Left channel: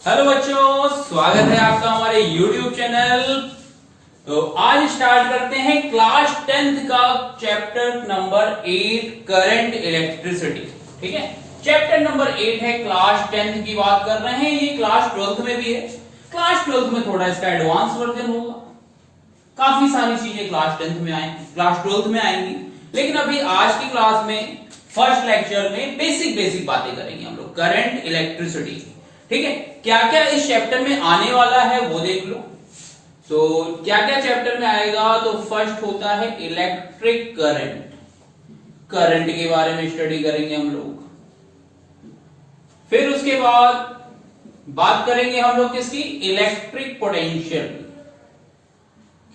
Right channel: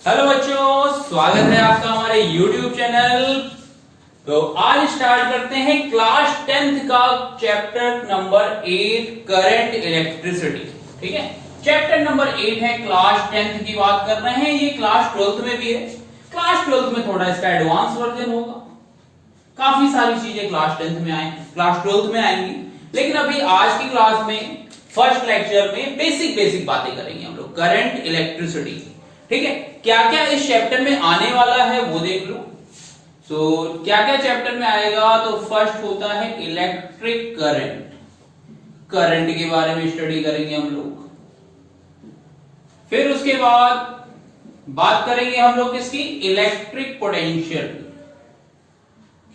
Hello बच्चों, स्वागत है आपका हमारे YouTube चैनल। तो आज स्टार्ट करते हैं क्लास 10th का चैप्टर नंबर 8 करंट इलेक्ट्रिसिटी। ठीक है, चैप्टर नंबर 8 है, क्लास 10th की बात कर रहे हैं। ये क्लास 12th में भी है। क्लास 12th में थोड़ा इसका एडवांस वर्जन होगा। काफी सारी चीजें क्लास 10th में आएंगी, क्लास 12th में आएंगी, लेकिन अभी आज की क्लास में फर्स्ट लेक्चर में बेसिक बातें करेंगे हम लोग करंट इलेक्ट्रिसिटी। ठीक है, क्या क्या इस चैप्टर में आने वाला है वो देख लो। तो क्या क्या चैप्टर में आएगा, तो फर्स्ट होता है इलेक्ट्रिक करंट। करंट के बारे में स्टडी करेंगे हम लोग। फिर उसके बाद बात करेंगे हम लोग किसकी, इलेक्ट्रिक पोटेंशियल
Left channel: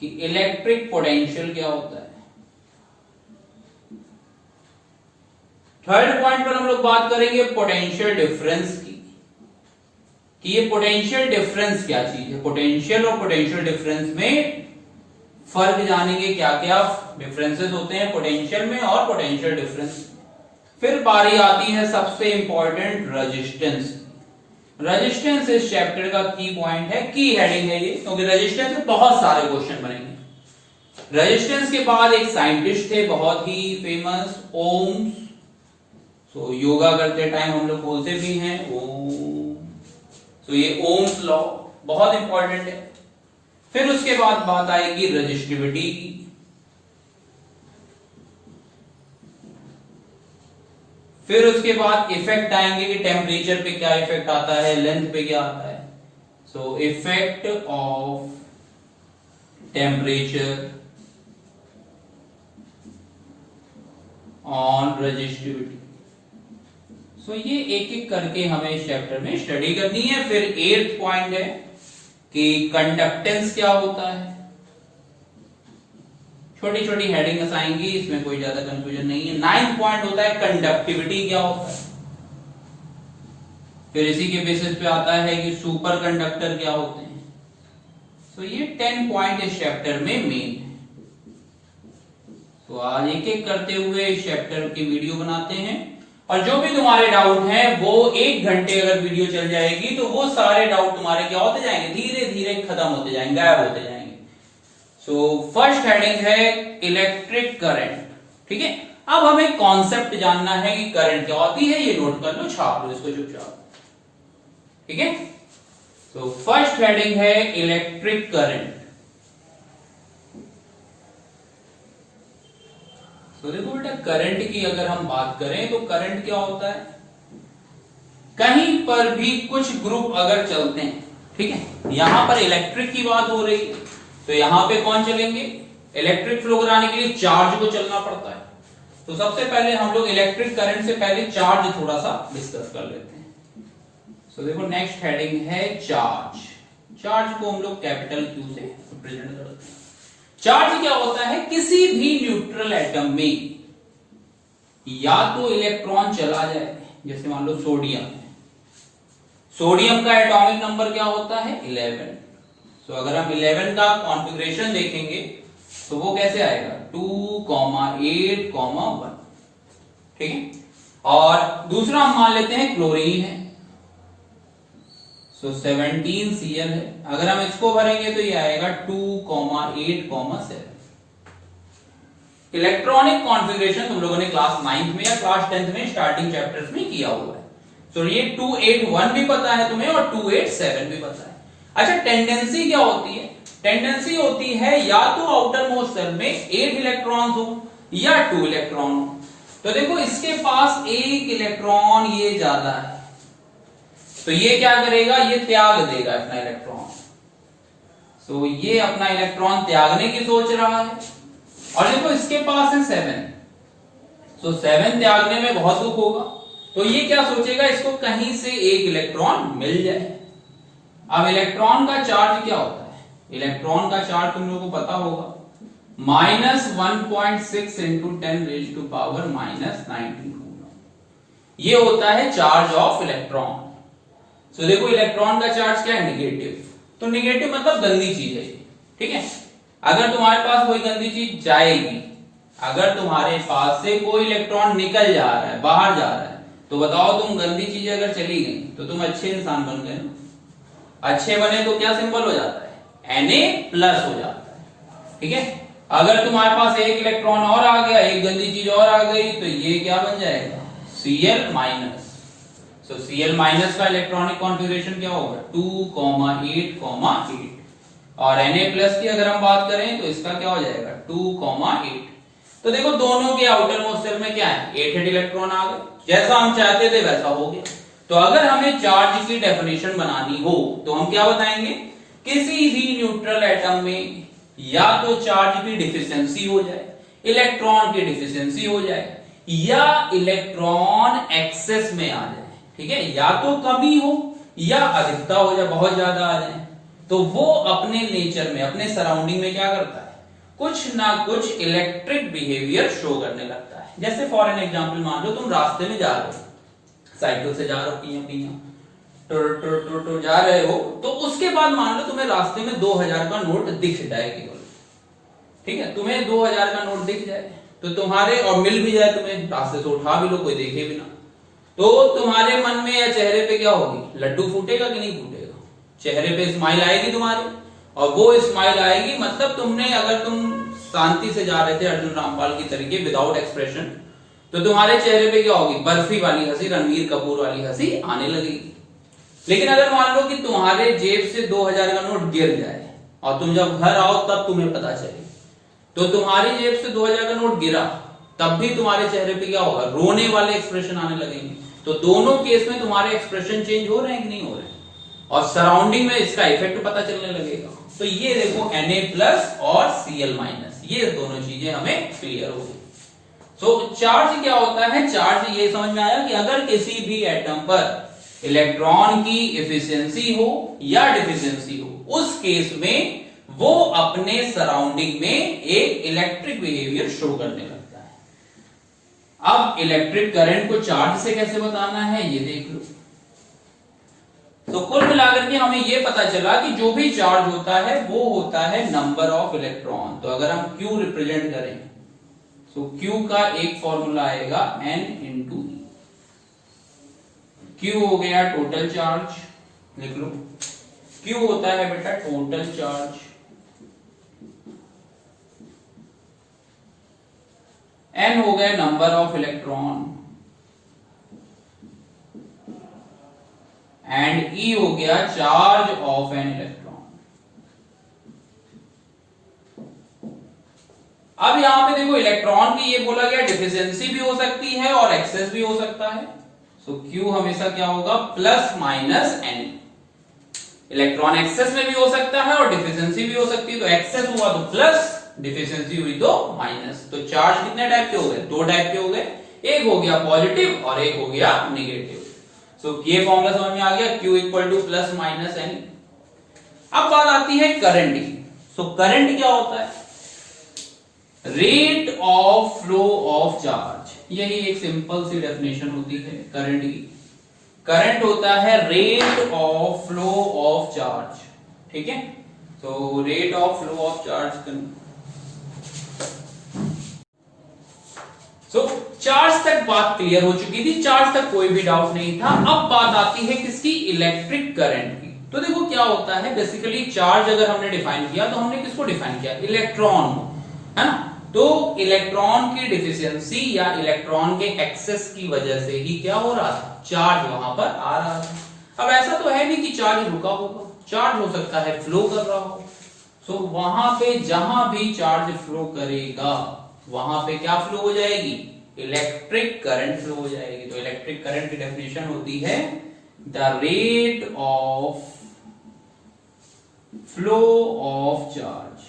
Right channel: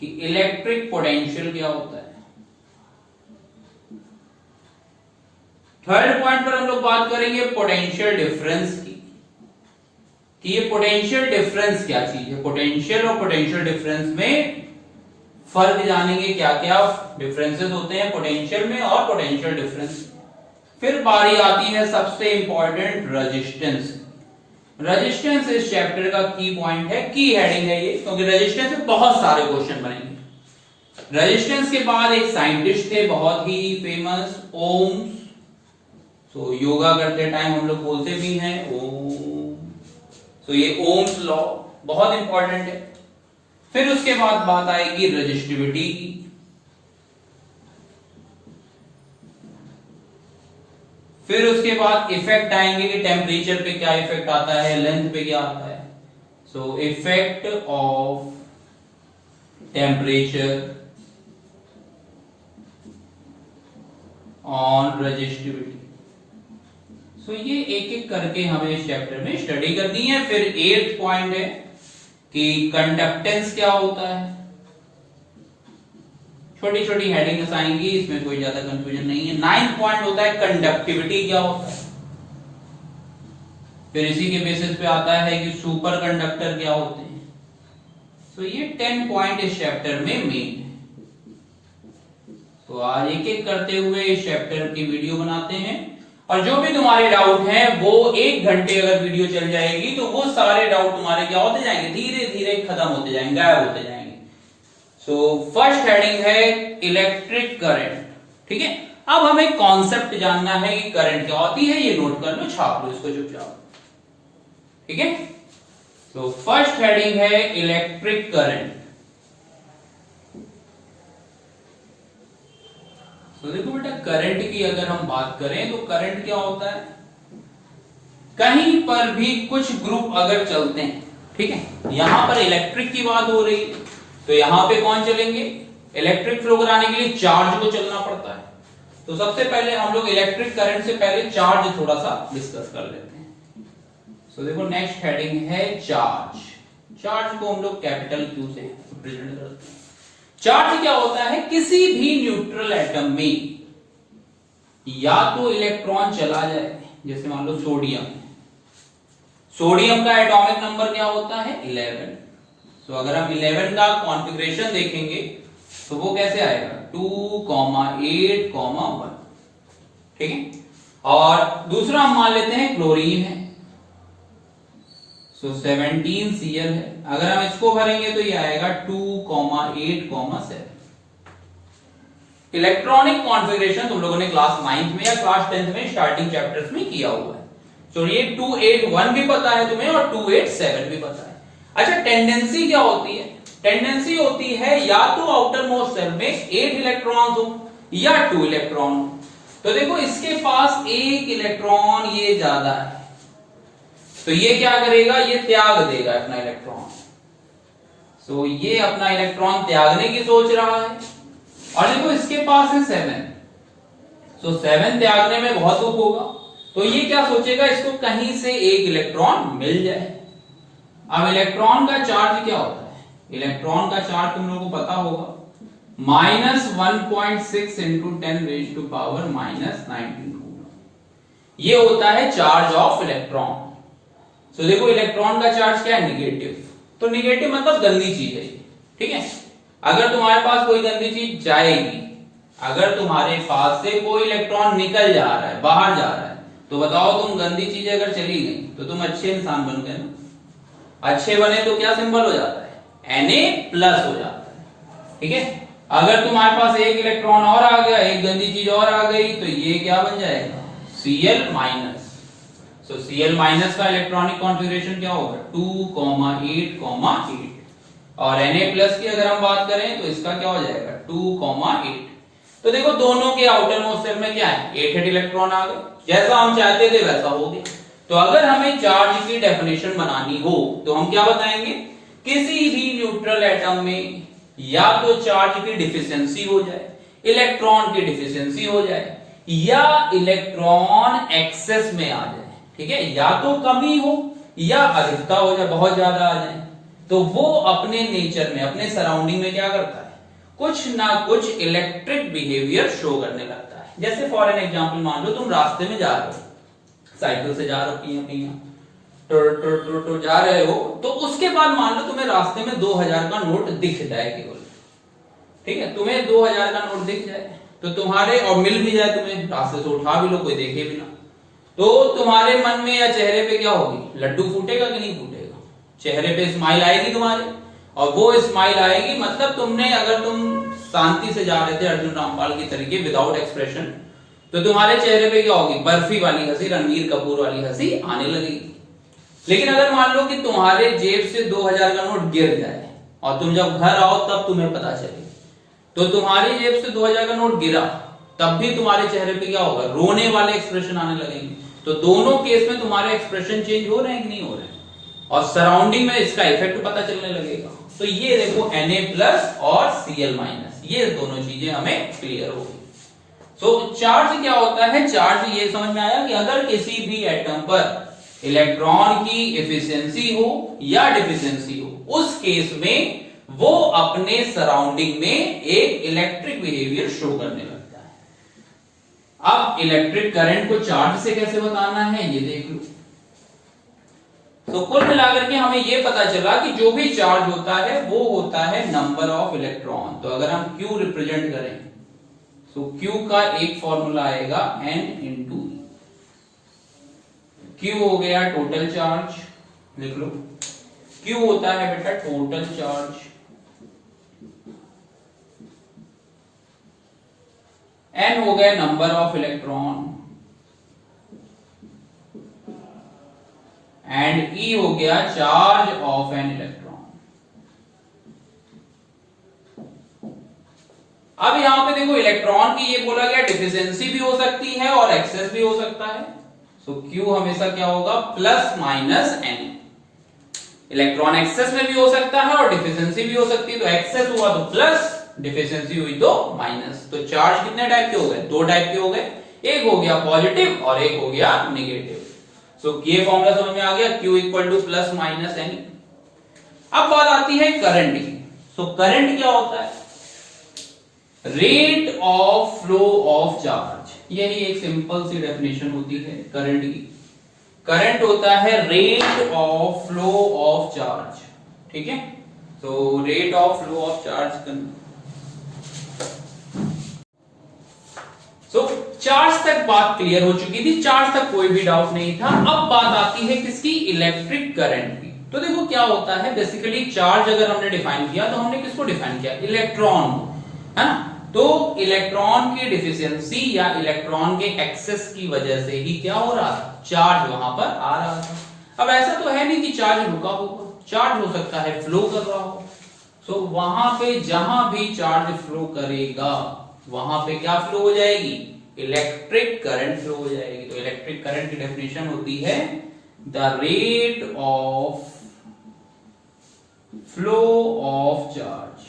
कि इलेक्ट्रिक पोटेंशियल क्या होता है। थर्ड पॉइंट पर हम लोग बात करेंगे पोटेंशियल डिफरेंस की कि ये पोटेंशियल डिफरेंस क्या चीज है। पोटेंशियल और पोटेंशियल डिफरेंस में फर्क जानेंगे, क्या क्या डिफरेंसेस होते हैं पोटेंशियल में और पोटेंशियल डिफरेंस। फिर बारी आती है सबसे इंपॉर्टेंट रेजिस्टेंस। रेजिस्टेंस इस चैप्टर का की पॉइंट है, की हेडिंग है ये, क्योंकि रेजिस्टेंस में बहुत सारे क्वेश्चन बनेंगे। रेजिस्टेंस के बाद एक साइंटिस्ट थे बहुत ही फेमस, ओम्स। तो योगा करते टाइम हम लोग बोलते भी हैं ओम। तो ये ओम्स लॉ बहुत इंपॉर्टेंट है। फिर उसके बाद बात आएगी रेजिस्टिविटी की। फिर उसके बाद इफेक्ट आएंगे कि टेम्परेचर पे क्या इफेक्ट आता है, लेंथ पे क्या आता है। So effect of temperature on resistivity. So ये एक एक करके हमें इस चैप्टर में स्टडी करनी है। फिर 8th पॉइंट है कि कंडक्टेंस क्या होता है। छोटी छोटी हेडिंग्स आएंगी, इसमें कोई ज्यादा कंफ्यूजन नहीं है। 9th पॉइंट होता है कंडक्टिविटी क्या होता है। फिर इसी के बेसिस पे आता है कि सुपर कंडक्टर क्या होते हैं। तो ये 10 पॉइंट इस चैप्टर में मेन है। तो आज एक एक करते हुए इस चैप्टर की वीडियो बनाते हैं, और जो भी तुम्हारे डाउट हैं वो 1 घंटे अगर वीडियो चल जाएगी तो वो सारे डाउट तुम्हारे क्या होते जाएंगे, धीरे धीरे खत्म होते जाएंगे, गायब होते जाएंगे। सो फर्स्ट हेडिंग है इलेक्ट्रिक करंट। ठीक है, अब हमें कॉन्सेप्ट जानना है कि करंट क्या होती है। ये नोट कर लो, छाप लो इसको चुपचाप। ठीक है, तो फर्स्ट हेडिंग है इलेक्ट्रिक करंट। तो देखो बेटा, करंट की अगर हम बात करें तो करंट क्या होता है, कहीं पर भी कुछ ग्रुप अगर चलते हैं, ठीक है, यहां पर इलेक्ट्रिक की बात हो रही है तो यहां पे कौन चलेंगे, इलेक्ट्रिक फ्लो कराने के लिए चार्ज को चलना पड़ता है। तो सबसे पहले हम लोग इलेक्ट्रिक करंट से पहले चार्ज थोड़ा सा डिस्कस कर लेते हैं। तो देखो नेक्स्ट हेडिंग है चार्ज। चार्ज को हम लोग कैपिटल क्यू से रिप्रेजेंट करते हैं। चार्ज क्या होता है, किसी भी न्यूट्रल एटम में या तो इलेक्ट्रॉन चला जाए, जैसे मान लो सोडियम है, सोडियम का एटॉमिक नंबर क्या होता है 11। तो अगर हम 11 का कॉन्फ़िगरेशन देखेंगे तो वो कैसे आएगा 2,8,1। ठीक है, और दूसरा हम मान लेते हैं क्लोरीन है, सो 17Cl है। अगर हम इसको भरेंगे तो ये आएगा 2,8,7। इलेक्ट्रॉनिक कॉन्फ़िगरेशन तुम लोगों ने क्लास 9th में या क्लास 10th में स्टार्टिंग चैप्टर्स में किया हुआ है। तो ये 281 भी पता है तुम्हें और 287 भी पता है। अच्छा, टेंडेंसी क्या होती है, टेंडेंसी होती है या तो आउटर मोस्ट सेल में 8 इलेक्ट्रॉन हो या 2 इलेक्ट्रॉन हो। तो देखो इसके पास 1 इलेक्ट्रॉन ये ज्यादा है, तो ये क्या करेगा, ये त्याग देगा अपना इलेक्ट्रॉन। सो ये अपना इलेक्ट्रॉन त्यागने की सोच रहा है। और देखो इसके पास है 7, सो 7 त्यागने में बहुत दुख होगा। तो ये क्या सोचेगा, इसको कहीं से 1 इलेक्ट्रॉन मिल जाए। अब इलेक्ट्रॉन का चार्ज क्या होता है, इलेक्ट्रॉन का चार्ज तुम लोगों को पता होगा, -1.6 इंटू 10⁻⁻⁻⁹ ये होता है चार्ज ऑफ इलेक्ट्रॉन। तो देखो इलेक्ट्रॉन का चार्ज क्या है, निगेटिव। तो निगेटिव मतलब गंदी चीज है। ठीक है, अगर तुम्हारे पास कोई गंदी चीज जाएगी, अगर तुम्हारे पास से कोई इलेक्ट्रॉन निकल जा रहा है, बाहर जा रहा है, तो बताओ तुम गंदी चीजें अगर चली गई तो तुम अच्छे इंसान बन गए ना। अच्छे बने तो क्या सिंबल हो जाता है, Na+ हो जाता है। ठीक है, अगर तुम्हारे पास एक इलेक्ट्रॉन और आ गया, एक गंदी चीज और आ गई, तो ये क्या बन जाएगा, Cl-। सो Cl- का इलेक्ट्रॉनिक कॉन्फ़िगरेशन क्या होगा, 2,8,8। और Na+ की अगर हम बात करें तो इसका क्या हो जाएगा, 2,8। तो देखो दोनों के आउटर मोस्ट शेल में क्या है, 8 इलेक्ट्रॉन आ गए, जैसा हम चाहते थे वैसा हो गया। तो अगर हमें चार्ज की डेफिनेशन बनानी हो तो हम क्या बताएंगे, किसी भी न्यूट्रल एटम में या तो चार्ज की डिफिशियंसी हो जाए, इलेक्ट्रॉन की डिफिशियंसी हो जाए, या इलेक्ट्रॉन एक्सेस में आ जाए। ठीक है, या तो कमी हो या अधिकता हो जाए, बहुत ज्यादा आ जाए, तो वो अपने नेचर में, अपने सराउंडिंग में क्या करता है, कुछ ना कुछ इलेक्ट्रिक बिहेवियर शो करने लगता है। जैसे फॉर एन एग्जांपल मान लो तुम रास्ते में जा रहे हो, साइकिल से जा रहे हो, तो जा रहे हो, तो उसके बाद मान लो तुम्हें रास्ते में 2,000 का नोट दिख जाए केवल। ठीक है, तुम्हें 2,000 का नोट दिख जाए तो तुम्हारे, और मिल भी जाए तुम्हें, रास्ते से उठा भी लो, कोई देखे भी ना, तो तुम्हारे मन में या चेहरे पे क्या होगी, लड्डू फूटेगा कि नहीं फूटेगा, चेहरे पे स्माइल आएगी तुम्हारे, और वो स्माइल आएगी मतलब तुमने, अगर तुम शांति से जा रहे थे अर्जुन रामपाल की तरीके विदाउट एक्सप्रेशन, तो तुम्हारे चेहरे पे क्या होगी, बर्फी वाली हंसी, रणवीर कपूर वाली हंसी आने लगेगी। लेकिन अगर मान लो कि तुम्हारे जेब से 2,000 का नोट गिर जाए और तुम जब घर आओ तब तुम्हें पता चले, तो तुम्हारी जेब से 2,000 का नोट गिरा, तब भी तुम्हारे चेहरे पे क्या होगा, रोने वाले एक्सप्रेशन आने लगेंगे। तो दोनों केस में तुम्हारे एक्सप्रेशन चेंज हो रहे हैं कि नहीं हो रहे हैं, और सराउंडिंग में इसका इफेक्ट पता चलने लगेगा। तो ये देखो Na+ और Cl-, ये दोनों चीजें हमें क्लियर हो गई। तो चार्ज क्या होता है, चार्ज ये समझ में आया कि अगर किसी भी एटम पर इलेक्ट्रॉन की एफिशिएंसी हो या डिफिशिएंसी हो, उस केस में वो अपने सराउंडिंग में एक इलेक्ट्रिक बिहेवियर शो करने लगता है। अब इलेक्ट्रिक करंट को चार्ज से कैसे बताना है ये देख लो। तो कुल मिलाकर के हमें यह पता चला कि जो भी चार्ज होता है वो होता है नंबर ऑफ इलेक्ट्रॉन। तो अगर हम Q रिप्रेजेंट करें तो Q का एक फॉर्मूला आएगा N × E। Q हो गया टोटल चार्ज, लिख लो, Q होता है बेटा टोटल चार्ज, N हो गया number of electron, and E हो गया चार्ज ऑफ एन इलेक्ट्रॉन। अब यहां पे देखो इलेक्ट्रॉन की ये बोला गया डिफिशियंसी भी हो सकती है और एक्सेस भी हो सकता है। सो Q हमेशा क्या होगा, +-N। इलेक्ट्रॉन एक्सेस में भी हो सकता है और डिफिशियंसी भी हो सकती है। तो एक्सेस हुआ तो प्लस, डिफिशियंसी हुई तो माइनस। तो चार्ज कितने टाइप के हो गए, दो टाइप के हो गए, एक हो गया पॉजिटिव और एक हो गया नेगेटिव। सो ये फॉर्मूला समझ में आ गया, Q = +-N। अब बात आती है करंट की। सो करंट क्या होता है, rate of flow of charge. यही एक सिंपल सी डेफिनेशन होती है करंट की। करंट होता है rate of flow of charge. ठीक है, तो rate of flow of charge. So charge तक बात क्लियर हो चुकी थी, चार्ज तक कोई भी डाउट नहीं था। अब बात आती है किसकी, इलेक्ट्रिक करंट की। तो देखो क्या होता है, बेसिकली चार्ज अगर हमने डिफाइन किया तो हमने किसको डिफाइन किया, इलेक्ट्रॉन को, है ना। तो इलेक्ट्रॉन की डिफिशियंसी या इलेक्ट्रॉन के एक्सेस की वजह से ही क्या हो रहा था, चार्ज वहां पर आ रहा था। अब ऐसा तो है नहीं कि चार्ज रुका होगा, चार्ज हो सकता है फ्लो कर रहा हो। सो वहां पे जहां भी चार्ज फ्लो करेगा वहां पे क्या फ्लो हो जाएगी, इलेक्ट्रिक करंट फ्लो हो जाएगी। तो इलेक्ट्रिक करंट की डेफिनेशन होती है the rate of flow of charge.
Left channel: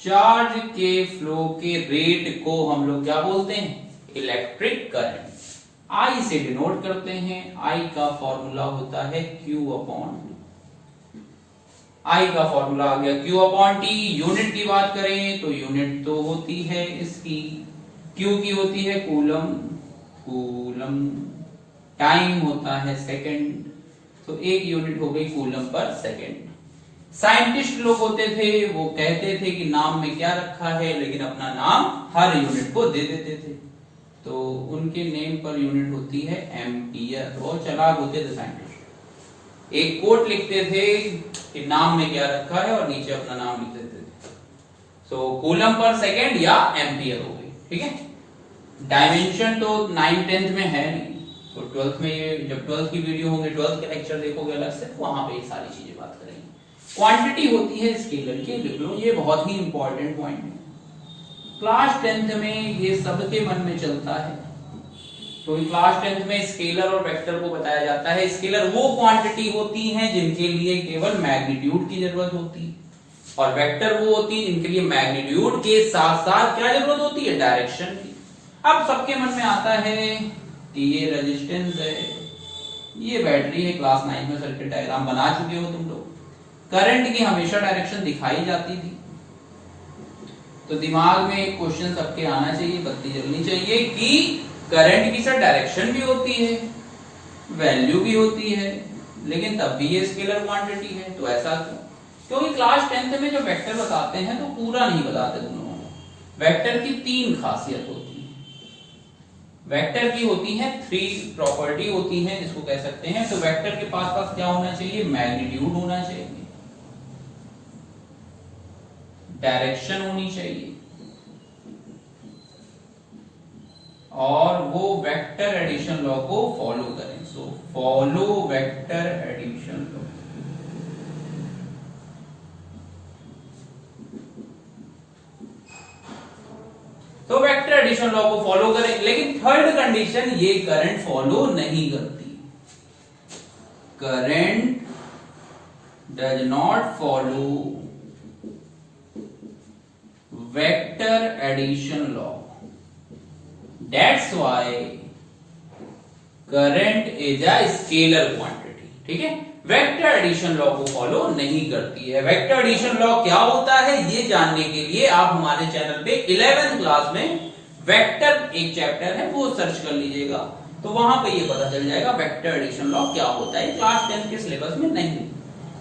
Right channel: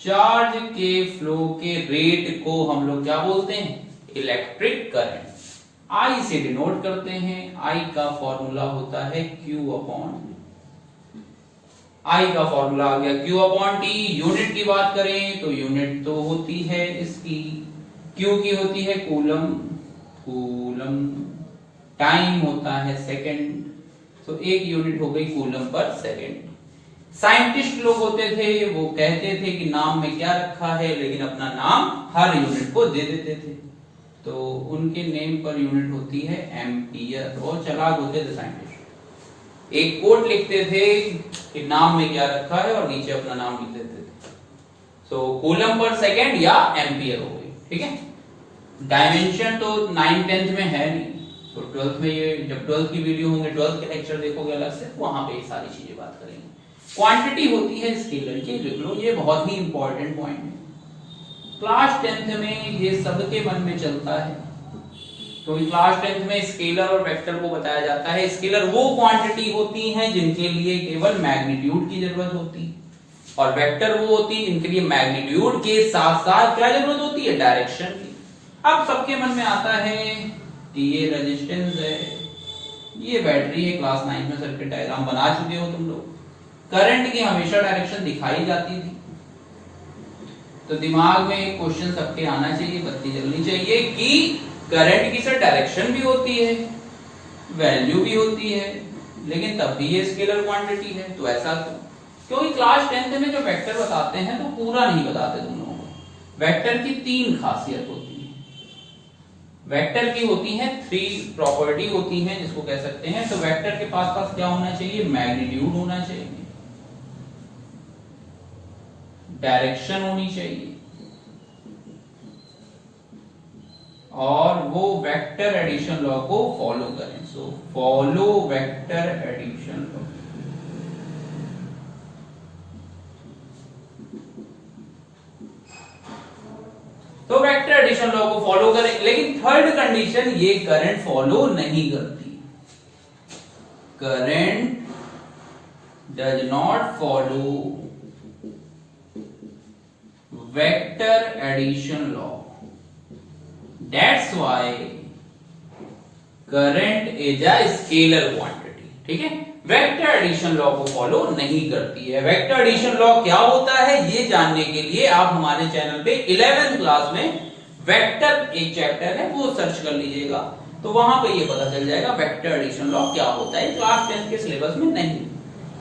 Charge के फ्लो के रेट को हम लोग क्या बोलते हैं, इलेक्ट्रिक करंट। I से डिनोट करते हैं, I का फॉर्मूला होता है Q/T। I का फॉर्मूला आ गया Q/T। यूनिट की बात करें तो यूनिट तो होती है इसकी, Q की होती है कूलम, कूलम। टाइम होता है सेकंड, तो एक यूनिट हो गई कूलम पर सेकंड। साइंटिस्ट लोग होते थे वो कहते थे कि नाम में क्या रखा है, लेकिन अपना नाम हर यूनिट को दे देते थे, तो उनके नेम पर यूनिट होती है एम्पियर। तो वो चालाक होते थे साइंटिस्ट। एक कोट लिखते थे कि नाम में क्या रखा है और नीचे अपना नाम लिख देते थे। सो कूलम पर सेकेंड या एम्पियर हो गई, ठीक है। डायमेंशन तो 9th 10th में है नहीं, तो 12th में ये जब 12th की वीडियो होंगे, 12th के लेक्चर देखोगे अलग से, वहां पे ये सारी चीजें बात करेंगे। क्वांटिटी होती है स्केलर की, लिख लो, ये बहुत ही इंपॉर्टेंट पॉइंट है। क्लास 10th में ये सबके मन में चलता है, तो क्लास 10th में स्केलर और वेक्टर को बताया जाता है। स्केलर वो क्वांटिटी होती हैं जिनके लिए केवल मैग्नीट्यूड की जरूरत होती है, और वेक्टर वो होती है जिनके लिए मैग्नीट्यूड के साथ साथ क्या जरूरत होती है, डायरेक्शन की। अब सबके मन में आता है कि ये रेजिस्टेंस है, ये बैटरी है, क्लास 9 में सर्किट डायग्राम बना चुके हो तुम लोग। करंट की हमेशा डायरेक्शन दिखाई जाती थी, तो दिमाग में एक क्वेश्चन सबके आना चाहिए, बत्ती जलनी चाहिए कि करंट की सर डायरेक्शन भी होती है, वैल्यू भी होती है, लेकिन तब भी ये स्केलर क्वांटिटी है, तो ऐसा क्यों? क्योंकि क्लास 10th में जो वेक्टर बताते हैं तो पूरा नहीं बताते तुम लोगों को। वेक्टर की 3 खासियत होती है, वेक्टर की होती है 3 प्रॉपर्टी होती है जिसको कह सकते हैं। तो वेक्टर के पास क्या होना चाहिए, मैग्नीट्यूड होना चाहिए, डायरेक्शन होनी चाहिए, और वो वेक्टर एडिशन लॉ को फॉलो करें। So follow vector addition law. तो वेक्टर एडिशन लॉ को फॉलो करें, लेकिन थर्ड कंडीशन ये करंट फॉलो नहीं करती। Current does not follow vector addition law, that's why current is a scalar quantity, ठीक है। वेक्टर एडिशन लॉ को फॉलो नहीं करती है। वेक्टर एडिशन लॉ क्या होता है ये जानने के लिए आप हमारे चैनल पे 11th क्लास में वेक्टर एक चैप्टर है वो सर्च कर लीजिएगा, तो वहां पे ये पता चल जाएगा वेक्टर एडिशन लॉ क्या होता है। क्लास 10 के सिलेबस में नहीं,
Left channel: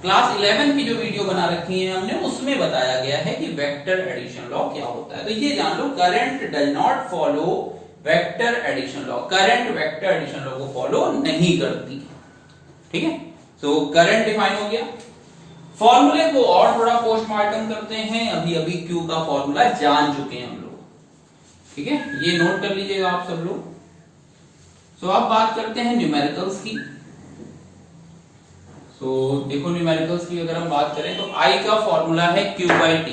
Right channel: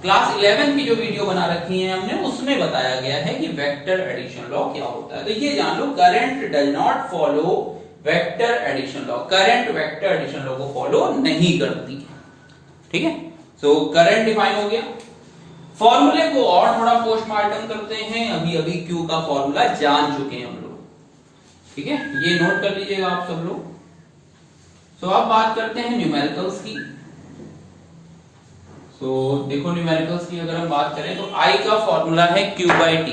क्लास 11 की जो वीडियो बना रखी है हमने उसमें बताया गया है कि वेक्टर एडिशन लॉ क्या होता है। तो ये जान लो, current does not follow vector addition law, current vector addition law को फॉलो नहीं करती है, ठीक है। सो करंट डिफाइन हो गया। फॉर्मूले को और थोड़ा पोस्टमार्टम करते हैं, अभी अभी क्यू का फॉर्मूला जान चुके हैं हम लोग, ठीक है, ये नोट कर लीजिएगा आप सब लोग। सो अब बात करते हैं न्यूमेरिकल्स की। सो देखो न्यूमेरिकल्स की अगर हम बात करें तो आई का फॉर्मूला है Q/T।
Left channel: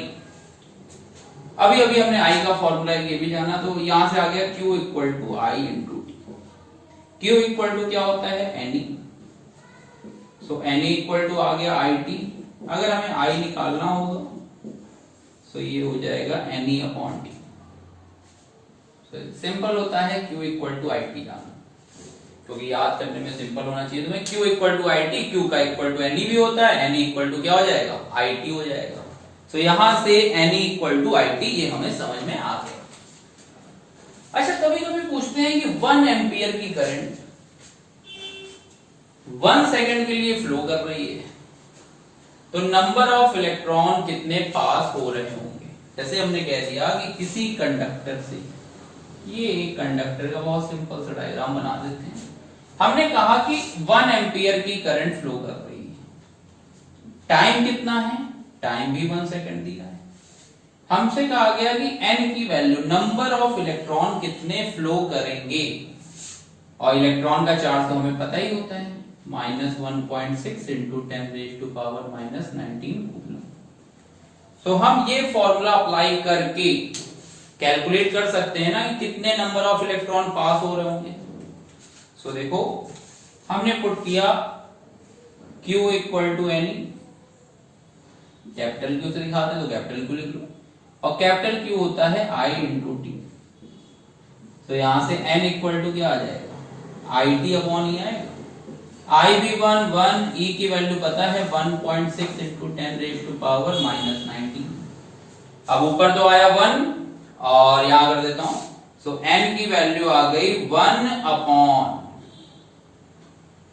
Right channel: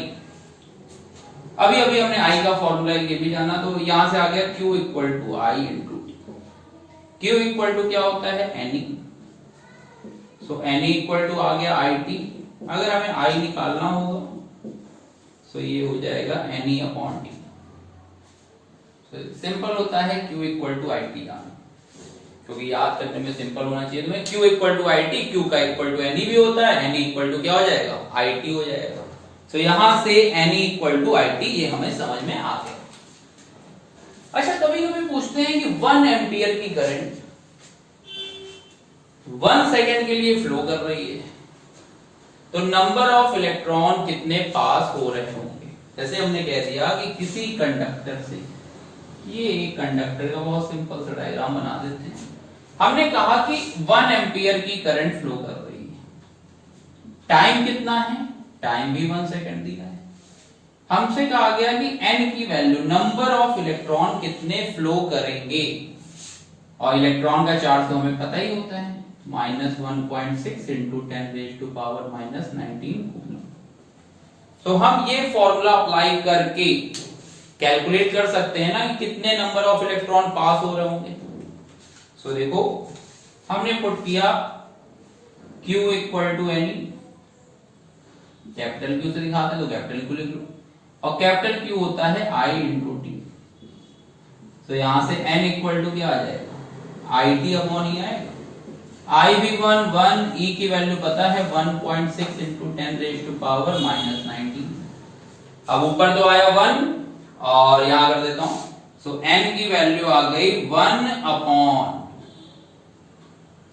अभी अभी हमने आई का फॉर्मूला ये भी जाना, तो यहां से आ गया Q equal to I into T. Q equal to क्या होता है, NE। So NE equal to आ गया IT। अगर हमें I निकालना होगा तो ये हो जाएगा NE अपॉन T। सिंपल होता है Q इक्वल टू IT जाना, क्योंकि याद करने में सिंपल होना चाहिए। तो मैं Q equal to IT, Q का इक्वल टू NE भी होता है, NE इक्वल टू क्या हो जाएगा, IT हो जाएगा। तो यहां से NE इक्वल टू IT ये हमें समझ में आ गया। अच्छा, कभी कभी पूछते हैं कि 1 एम्पियर की करंट 1 सेकेंड के लिए फ्लो कर रही है, तो नंबर ऑफ इलेक्ट्रॉन कितने पास हो रहे होंगे। जैसे हमने कह दिया कि किसी कंडक्टर से, ये कंडक्टर का बहुत सिंपल सा डायग्राम बना देते हैं। हमने कहा कि 1 एम्पियर की करंट फ्लो कर रही है, टाइम कितना है, टाइम भी 1 सेकंड दिया है। हमसे कहा गया कि n की वैल्यू, नंबर ऑफ इलेक्ट्रॉन कितने फ्लो करेंगे, और इलेक्ट्रॉन का चार्ज तो हमें पता ही होता है, -1.6 इंटू 10⁻⁻⁻19 कूलम। तो हम ये फॉर्मूला अप्लाई करके कैलकुलेट कर सकते हैं ना कि कितने नंबर ऑफ इलेक्ट्रॉन पास हो रहे होंगे। सो देखो, हमने पुट किया Q equal to NE, capital Q से दिखाते हैं तो कैपिटल Q लिख लो, और कैपिटल Q होता है I इंटू टी। तो यहां से N इक्वल टू क्या आ जाएगा, IT अपॉन E आएगा। I भी 1 E की वैल्यू पता है 1.6 इंटू 10⁻⁻19। अब ऊपर तो आया 1 और यहां कर देता हूं, सो N की वैल्यू आ गई 1 अपॉन,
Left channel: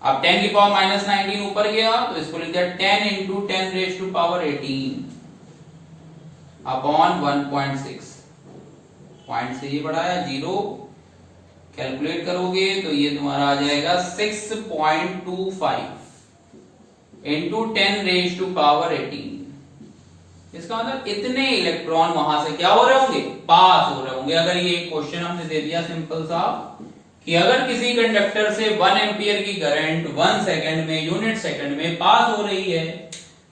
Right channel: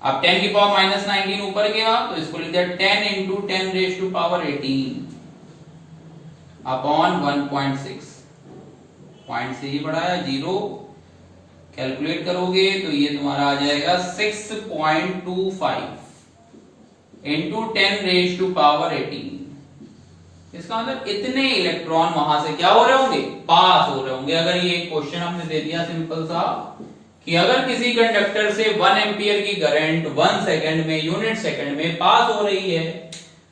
अब 10 की पावर -19 ऊपर गया तो इसको लिख दिया 10 इंटू 10⁻18 अपॉन 1.6, पॉइंट से ही बढ़ाया 0, कैलकुलेट करोगे तो ये तुम्हारा आ जाएगा 6.25। इंटू 10⁻18। इसका मतलब इतने इलेक्ट्रॉन वहां से क्या हो रहे होंगे, पास हो रहे होंगे। अगर ये क्वेश्चन हमने दे दिया सिंपल सा कि अगर किसी कंडक्टर से 1 एम्पियर की करंट 1 सेकंड में, यूनिट सेकंड में पास हो रही है,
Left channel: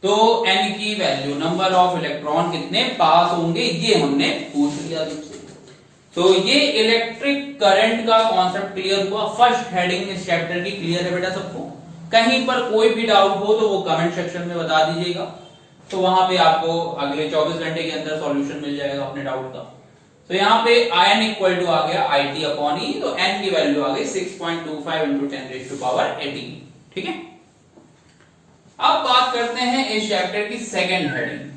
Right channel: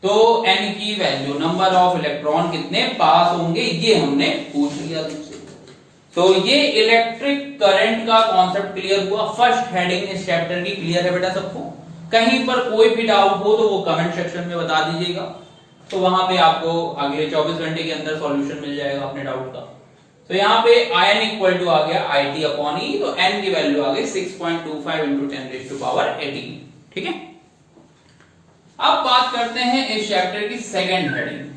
तो n की वैल्यू, नंबर ऑफ इलेक्ट्रॉन कितने पास होंगे, ये हमने पूछ लिया तुमसे। तो ये इलेक्ट्रिक करंट का कॉन्सेप्ट क्लियर हुआ। फर्स्ट हेडिंग इस चैप्टर की क्लियर है बेटा सबको? कहीं पर कोई भी डाउट हो तो वो कमेंट सेक्शन में बता दीजिएगा, तो वहां पे आपको अगले 24 घंटे के अंदर सॉल्यूशन मिल जाएगा अपने डाउट का। तो यहाँ पे n इक्वल टू आ गया IT/E, तो n की वैल्यू आ गई 6.25 इंटू 10⁻18। ठीक है, अब बात करते हैं इस चैप्टर की सेकेंड हेडिंग।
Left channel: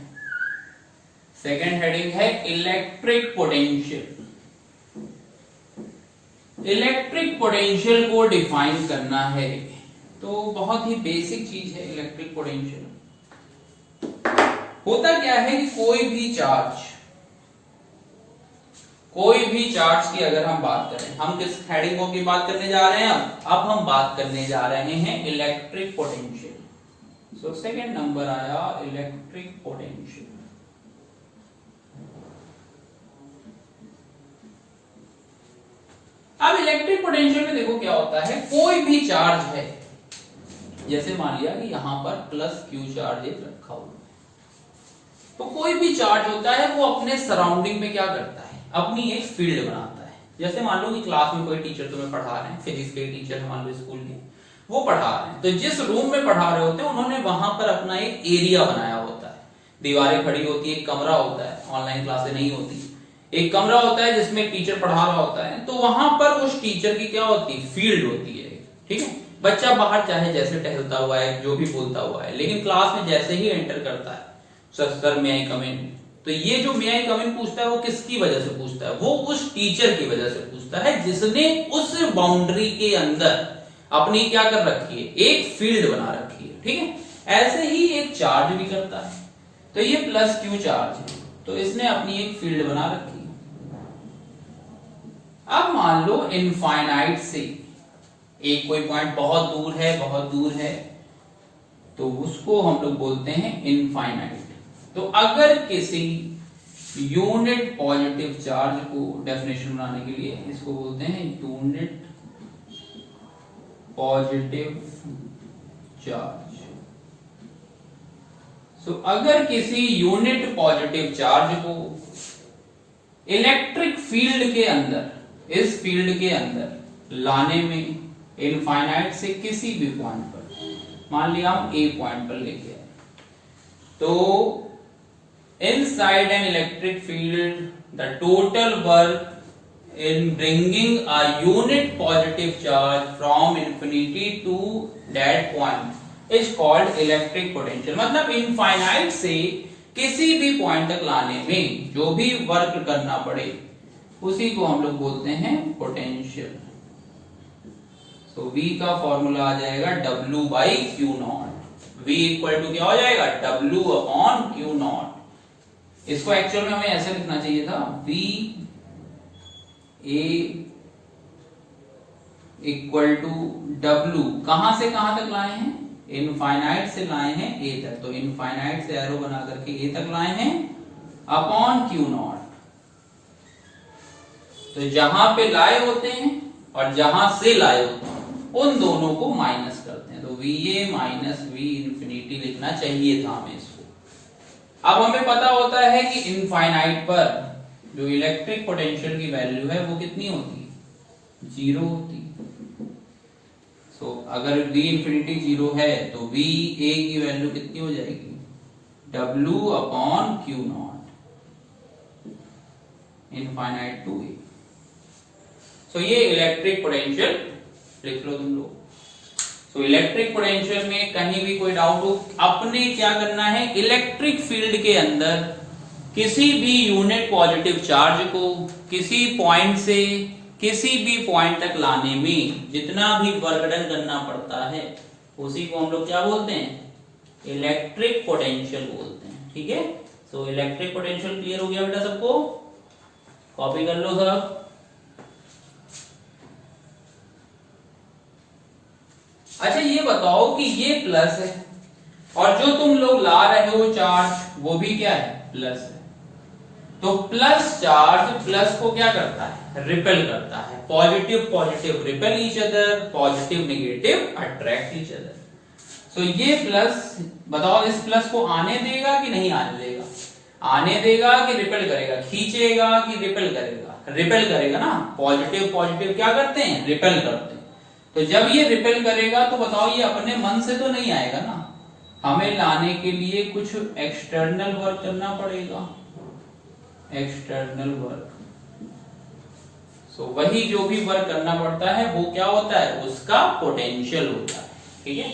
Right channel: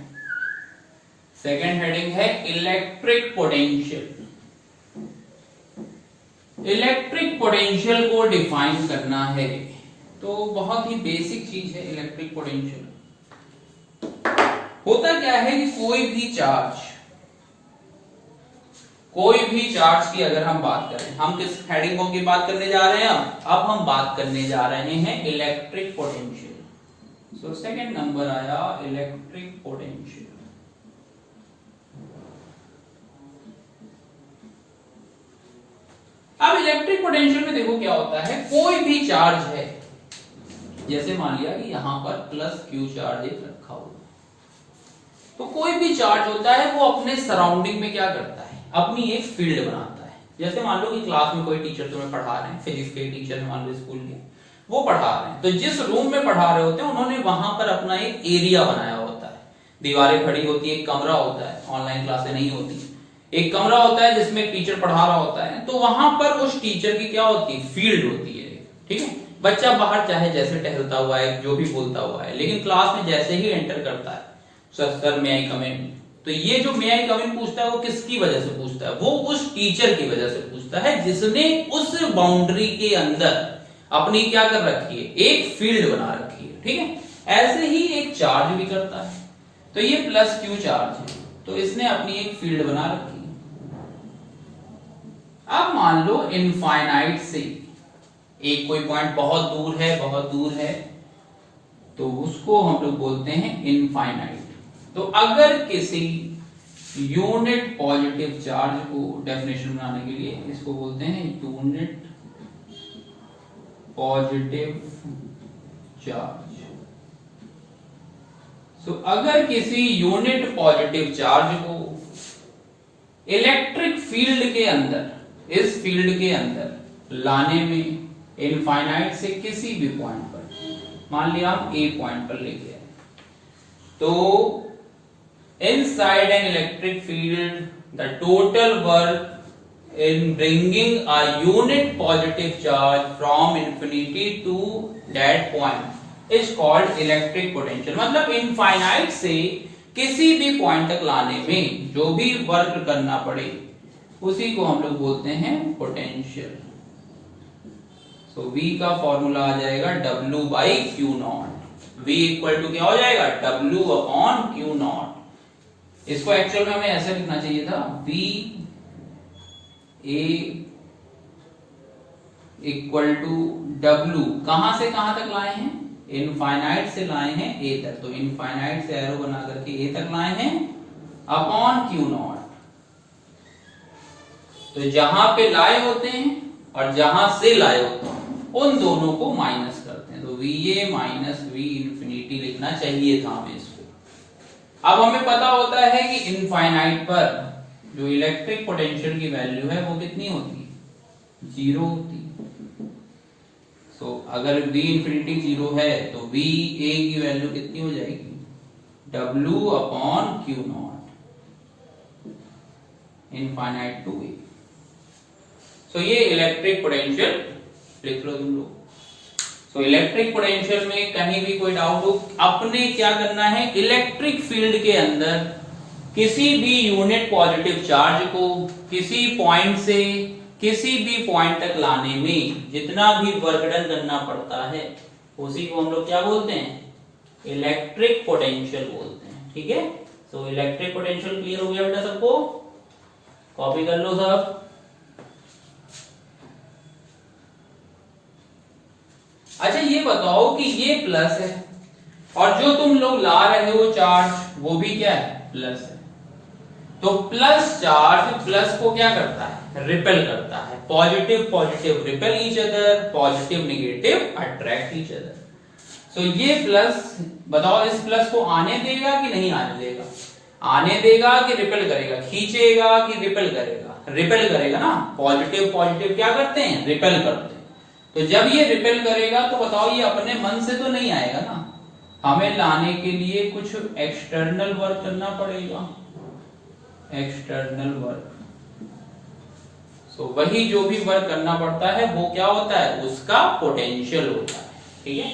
सेकेंड हेडिंग है इलेक्ट्रिक पोटेंशियल। इलेक्ट्रिक पोटेंशियल को डिफाइन करना है, तो बहुत ही बेसिक चीज है इलेक्ट्रिक पोटेंशियल। होता क्या है कि कोई भी चार्ज की अगर हम बात करें, हम किस हेडिंग की बात करने जा रहे हैं? अब हम बात करने जा रहे हैं electric potential. So second number आया इलेक्ट्रिक पोटेंशियल। अब इलेक्ट्रिक पोटेंशियल में देखो क्या होता है, कोई भी चार्ज है, जैसे मान लिया कि यहां पर प्लस क्यू चार्ज रखा हुआ, तो कोई भी चार्ज होता है वो अपने सराउंडिंग में क्या करता है, अपनी एक फील्ड बनाता है। जैसे मान लो कि क्लास में कोई टीचर तुम्हें पढ़ा रहे हैं, फिजिक्स के टीचर है मान लो स्कूल के, वो पढ़ा रहे हैं, तो जिस रूम में पढ़ा रहे होते हैं उन्होंने वहां पर अपना एक एरिया बनाया होता है। दीवारें खड़ी होती है, एक कमरा होता है, ऑनलाइन क्लासें नहीं होती, एक कमरा होता है जिसमें टीचर पढ़ा रहा होता है, तो वहां पर उस टीचर की क्या होती है, फील्ड होती है। ठीक है, बच्चा बाहर चाहे जैसे टहलता हुआ है, जो भी बोलता हुआ है, लेकिन क्लास में जैसे ही एंटर करता है, सर मे आई कम इन, तो ये जो मे आई कम इन पूछता है वो किसकी वजह से पूछता है, वो उस टीचर की वजह से पूछता है जिसने उस बाउंड्री के अंदर अपनी क्या कर रखी है, एक फील्ड बना रखी है। ठीक है, ऐसे ही एक चार्ज भी करता है, तो ये प्लस क्यू चार्ज है, तो इसने अपनी एक फील्ड बना रखी है। अब मान लो इनफाइनाइट से एक कोई पॉइंट बहुत दूर है, तो उसको हम लोग बोलते हैं इनफाइनाइट। तो अगर किसी यूनिट पॉजिटिव चार्ज को डेफिनेशन बनाने के लिए इसको बोलते हैं यूनिट पॉजिटिव चार्ज। सो अगर किसी यूनिट पॉजिटिव चार्ज को इलेक्ट्रिक फील्ड के अंदर, इस फील्ड के अंदर लाने में इनफाइनाइट से किसी भी पॉइंट पर, मान लिया हम ए पॉइंट पर लेके आए, तो inside an electric field the total work in bringing a unit positive charge from infinity to that point is called electric potential। मतलब इनफाइनाइट से किसी भी पॉइंट तक लाने में जो भी वर्क करना पड़े उसी को हम लोग बोलते हैं पोटेंशियल। तो V का फॉर्मूला आ जाएगा W/Q0। V इक्वल टू क्या हो जाएगा, W/Q0। इसको एक्चुअल में हमें ऐसे लिखना चाहिए था, V A equal to W, कहां से कहां तक लाए हैं, इनफाइनाइट से लाए हैं A तक, तो इनफाइनाइट से एरो बना करके A तक लाए हैं अपॉन Q0। तो जहां पे लाए होते हैं और जहां से लाए होते हैं उन दोनों को माइनस करते हैं, तो VA माइनस V इंफिनिटी लिखना चाहिए था हमें इसको। अब हमें पता होता है कि इनफाइनाइट पर जो इलेक्ट्रिक पोटेंशियल की वैल्यू है वो कितनी होती है, 0 होती है। सो अगर V इंफिनिटी 0 है तो VA की वैल्यू कितनी हो जाएगी, W/Q0 इनफाइनाइट टू A। सो ये इलेक्ट्रिक पोटेंशियल लिख लो तुम लोग। तो इलेक्ट्रिक पोटेंशियल में कहीं भी कोई डाउट हो, अपने क्या करना है, इलेक्ट्रिक फील्ड के अंदर किसी भी यूनिट पॉजिटिव चार्ज को किसी पॉइंट से किसी भी पॉइंट तक लाने में जितना भी वर्क डन करना पड़ता है उसी को हम लोग क्या बोलते हैं, इलेक्ट्रिक पोटेंशियल बोलते हैं। ठीक है, तो इलेक्ट्रिक पोटेंशियल क्लियर हो गया बेटा सबको, कॉपी कर लो सब। अच्छा ये बताओ कि ये प्लस है और जो तुम लोग ला रहे हो चार्ज वो भी क्या है, प्लस है। तो प्लस चार्ज प्लस को क्या करता है, रिपेल करता है। Positive positive repel each other, positive negative attract each other. तो ये प्लस, बताओ इस प्लस को आने देगा कि नहीं आने देगा? आने देगा कि रिपेल करेगा? खींचेगा कि रिपेल करेगा? रिपेल करेगा ना। पॉजिटिव पॉजिटिव क्या करते हैं, रिपेल करते हैं। तो जब ये रिपेल करेगा तो बताओ ये अपने मन से तो नहीं आएगा ना, हमें लाने के लिए कुछ एक्सटर्नल वर्क करना पड़ेगा, एक्सटर्नल वर्क। सो वही जो भी वर्क करना पड़ता है वो क्या होता है, उसका पोटेंशियल होता है। ठीक है,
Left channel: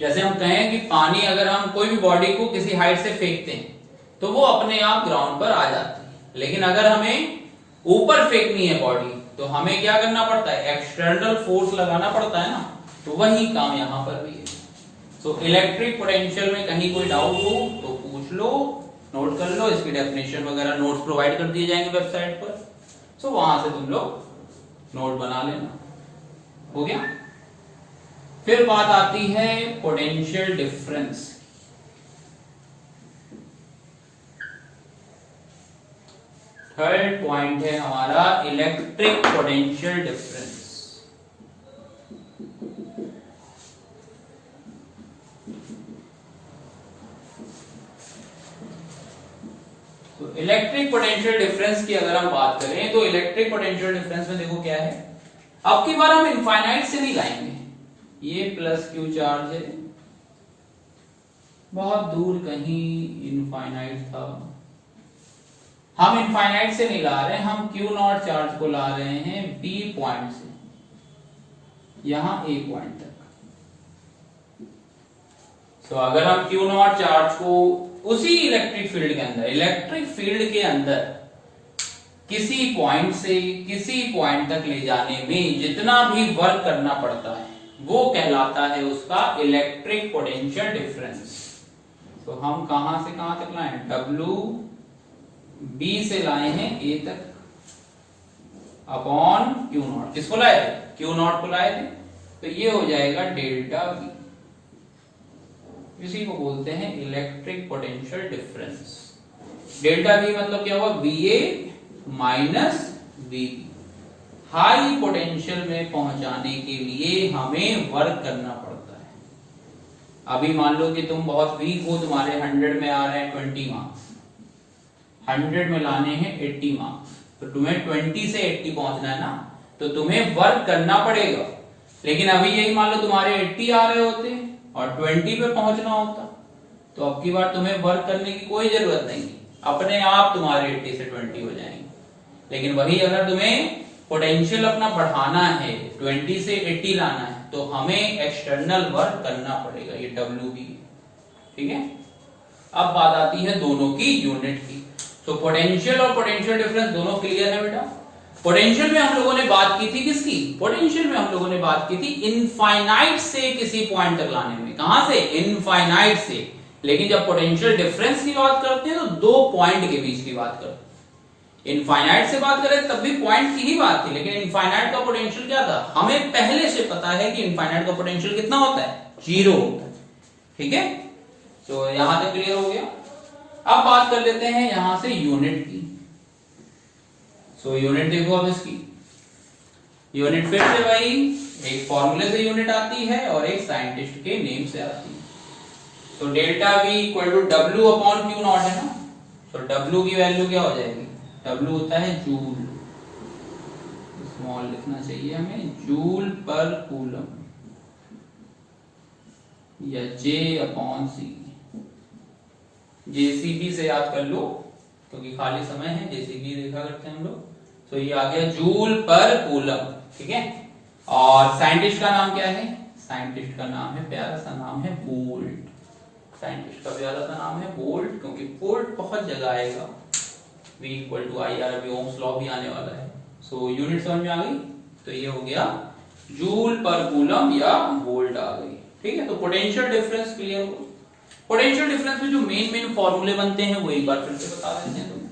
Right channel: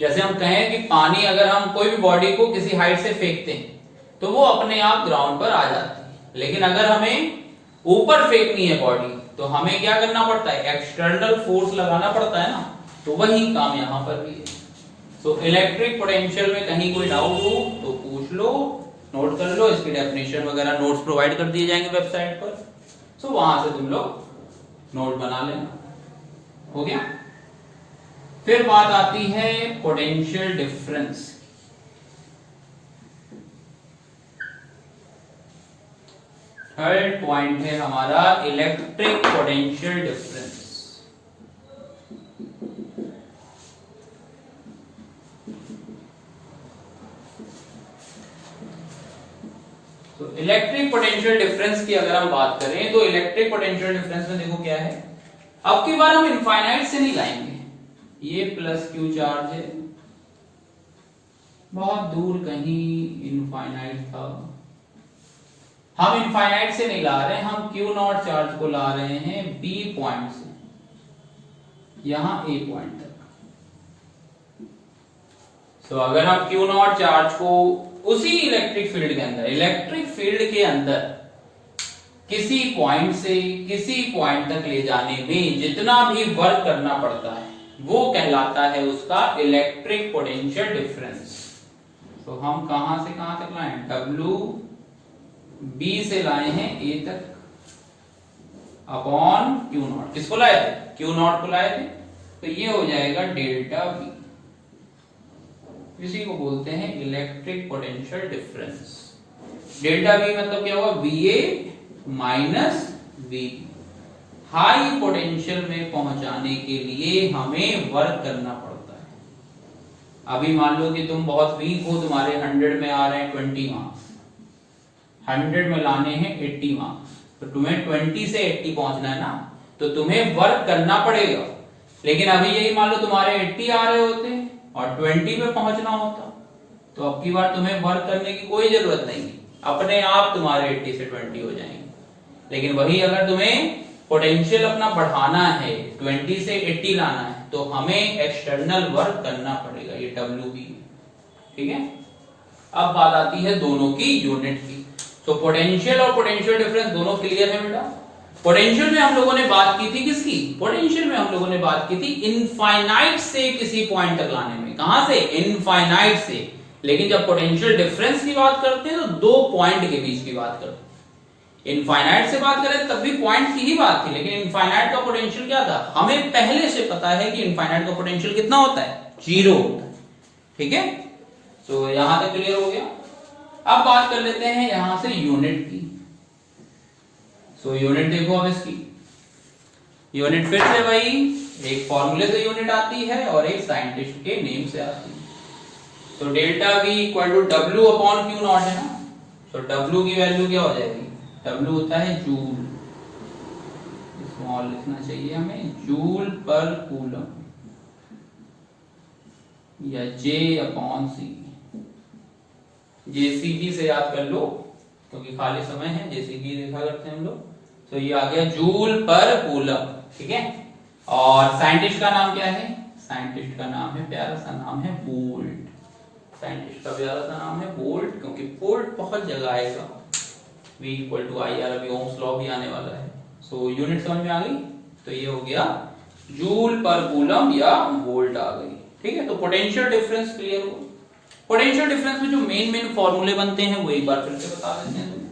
जैसे हम कहें कि पानी अगर हम कोई भी बॉडी को किसी हाइट से फेंकते हैं तो वो अपने आप ग्राउंड पर आ जाती है, लेकिन अगर हमें ऊपर फेंकनी है बॉडी तो हमें क्या करना पड़ता है, एक्सटर्नल फोर्स लगाना पड़ता है ना। तो वही काम यहां पर भी है। सो इलेक्ट्रिक पोटेंशियल में कहीं कोई डाउट हो तो पूछ लो, नोट कर लो। इसकी डेफिनेशन वगैरह नोट्स प्रोवाइड कर दिए जाएंगे वेबसाइट पर, सो वहां से तुम लोग नोट बना लेना। हो गया। फिर बात आती है पोटेंशियल डिफरेंस। थर्ड पॉइंट है हमारा इलेक्ट्रिक पोटेंशियल डिफरेंस। तो इलेक्ट्रिक पोटेंशियल डिफरेंस की अगर हम बात करें तो इलेक्ट्रिक पोटेंशियल डिफरेंस में देखो क्या है, अब की बार हम इनफाइनाइट से नहीं लाएंगे। ये प्लस क्यू चार्ज है, बहुत दूर कहीं इनफाइनाइट था, हम इनफाइनाइट से नहीं ला रहे हैं, हम क्यू नॉट चार्ज को ला रहे हैं बी पॉइंट से यहां ए पॉइंट तक। तो अगर हम क्यू नॉट चार्ज को उसी इलेक्ट्रिक फील्ड के अंदर, इलेक्ट्रिक फील्ड के अंदर किसी पॉइंट से किसी पॉइंट तक ले जाने में जितना भी वर्क करना पड़ता है वो कहलाता है उसका इलेक्ट्रिक पोटेंशियल डिफरेंस। तो हम कहां से कहां तक लाए, डब्ल्यू बी से लाए हैं ए तक अपॉन क्यू नॉट। किसको लाए थे, क्यू नॉट को लाए थे। तो ये हो जाएगा डेल्टा वी, इसी को बोलते हैं electric potential difference. Delta V मतलब क्या हुआ, V A minus V. High potential में पहुंचाने के लिए हमें वर्क करना पड़ता है। अभी मान लो कि तुम बहुत वीक हो, तुम्हारे 100 में आ रहे हैं 20 मार्क्स, 100 में लाने हैं 80 मार्क्स, तो तुम्हें 20 से 80 पहुंचना है ना, तो तुम्हें वर्क करना पड़ेगा। लेकिन अभी यही मान लो तुम्हारे 80 आ रहे होते और 20 पे पहुंचना होता, तो अब की बार तुम्हें वर्क करने की कोई जरूरत नहीं, अपने आप तुम्हारे 80 से 20 हो जाएंगे। लेकिन वही अगर तुम्हें पोटेंशियल अपना बढ़ाना है, 20 से 80 लाना है, तो हमें एक्सटर्नल वर्क करना पड़ेगा, ये डब्ल्यू बी। ठीक है, अब बात आती है दोनों की यूनिट की। तो पोटेंशियल और पोटेंशियल डिफरेंस दोनों क्लियर है बेटा। पोटेंशियल में हम लोगों ने बात की थी किसकी, पोटेंशियल में हम लोगों ने बात की थी इनफाइनाइट से किसी पॉइंट तक लाने में। कहां से, इनफाइनाइट से। लेकिन जब पोटेंशियल डिफरेंस की बात करते हैं तो दो पॉइंट के बीच की बात करते हैं। इनफाइनाइट से बात करें तब भी पॉइंट की ही बात थी, लेकिन इनफाइनाइट का पोटेंशियल क्या था, हमें पहले से पता है कि इनफाइनाइट का पोटेंशियल कितना होता है, 0 होता है। ठीक है, तो यहां तक क्लियर हो गया। अब बात कर लेते हैं यहां से यूनिट की। सो यूनिट देखो अब इसकी यूनिट फिर से भाई एक फॉर्मूले से यूनिट आती है और एक साइंटिस्ट के नेम से आती है। तो delta V equal to W upon Q naught है ना। तो डब्ल्यू की वैल्यू क्या हो जाएगी, डब्ल्यू होता है जूल, स्मॉल लिखना चाहिए हमें, जूल पर कूलम, या जे अपॉन सी। जेसीबी से याद कर लो क्योंकि खाली समय है, जेसीबी देखा करते हैं हम लोग। तो ये आ गया जूल पर कूलम। ठीक है, और साइंटिस्ट का नाम क्या है, साइंटिस्ट का नाम है, प्यारा सा नाम है बोल्ट। साइंटिस्ट का प्यारा सा नाम है बोल्ट, क्योंकि बोल्ट बहुत जगह आएगा। V equal to I R, अभी ओम्स लॉ भी आने वाला है। सो यूनिट समझ में आ गई। तो ये हो गया जूल पर कूलम या वोल्ट आ गई। ठीक है, तो पोटेंशियल डिफरेंस क्लियर हो। पोटेंशियल डिफरेंस में जो मेन फॉर्मूले बनते हैं वो एक बार फिर से बता देते हैं तुम्हें।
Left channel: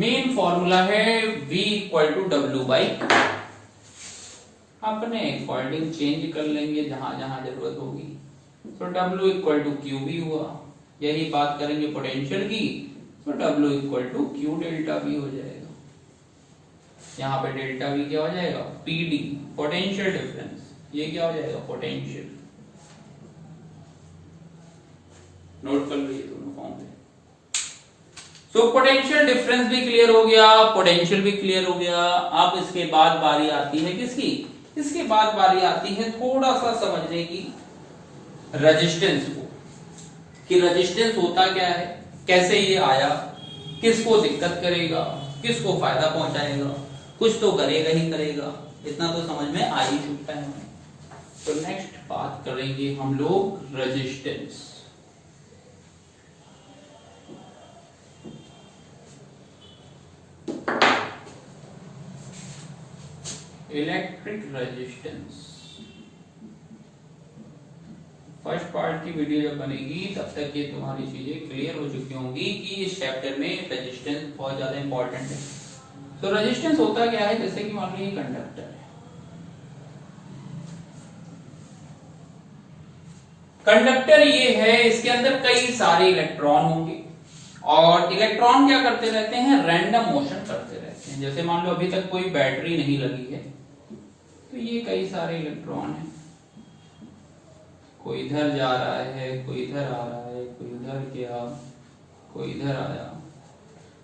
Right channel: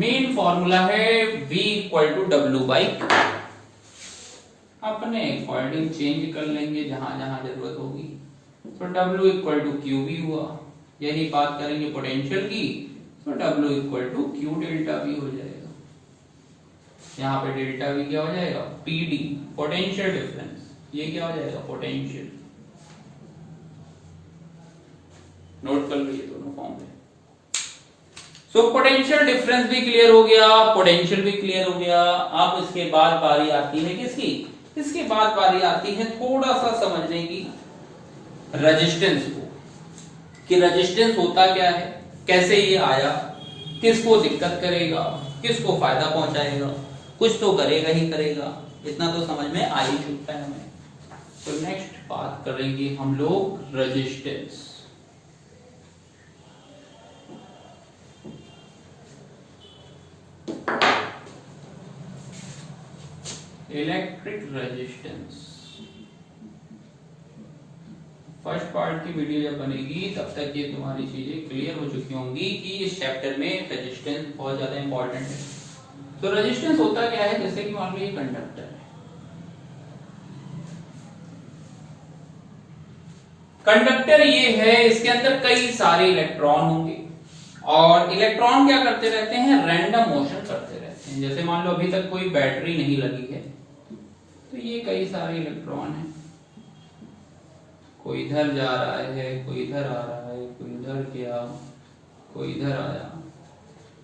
मेन फॉर्मूला है V equal to W by, अपने अकॉर्डिंग चेंज कर लेंगे जहां जहां जरूरत होगी। तो W इक्वल टू क्यू भी हुआ। यही बात करेंगे पोटेंशियल की, तो W equal to Q delta V हो जाएगा। यहाँ पे डेल्टा V क्या हो जाएगा, PD पोटेंशियल डिफरेंस। ये क्या हो जाएगा, पोटेंशियल। नोट कर लीजिए दोनों फॉर्मूले। सो पोटेंशियल डिफरेंस भी क्लियर हो गया, पोटेंशियल भी क्लियर हो गया। अब इसके बाद बारी आती है किसकी, इसके बाद बारी आती है थोड़ा सा समझने की रेजिस्टेंस को, कि रेजिस्टेंस होता क्या है, कैसे ये आया, किसको दिक्कत करेगा, किसको फायदा पहुंचाएगा, कुछ तो करेगा ही करेगा। इतना तो समझ में आ ही चुका है हमें। तो नेक्स्ट बात करेंगे हम लोग resistance. Electric resistance first part की वीडियो जब बनेगी तब तक ये तुम्हारी चीजें क्लियर हो चुकी होंगी कि इस चैप्टर में रेजिस्टेंस बहुत ज्यादा इंपॉर्टेंट है। तो रेजिस्टेंस होता क्या है, जैसे कि मान लीजिए कंडक्टर है, कंडक्टर ये है, इसके अंदर कई सारे इलेक्ट्रॉन होंगे और इलेक्ट्रॉन क्या करते रहते हैं, रैंडम मोशन करते रहते हैं। जैसे मान लो अभी तक कोई बैटरी नहीं लगी है, तो ये कई सारे इलेक्ट्रॉन हैं, कोई इधर जा रहा है, कोई इधर आ रहा है, कोई उधर गया, कोई इधर आया।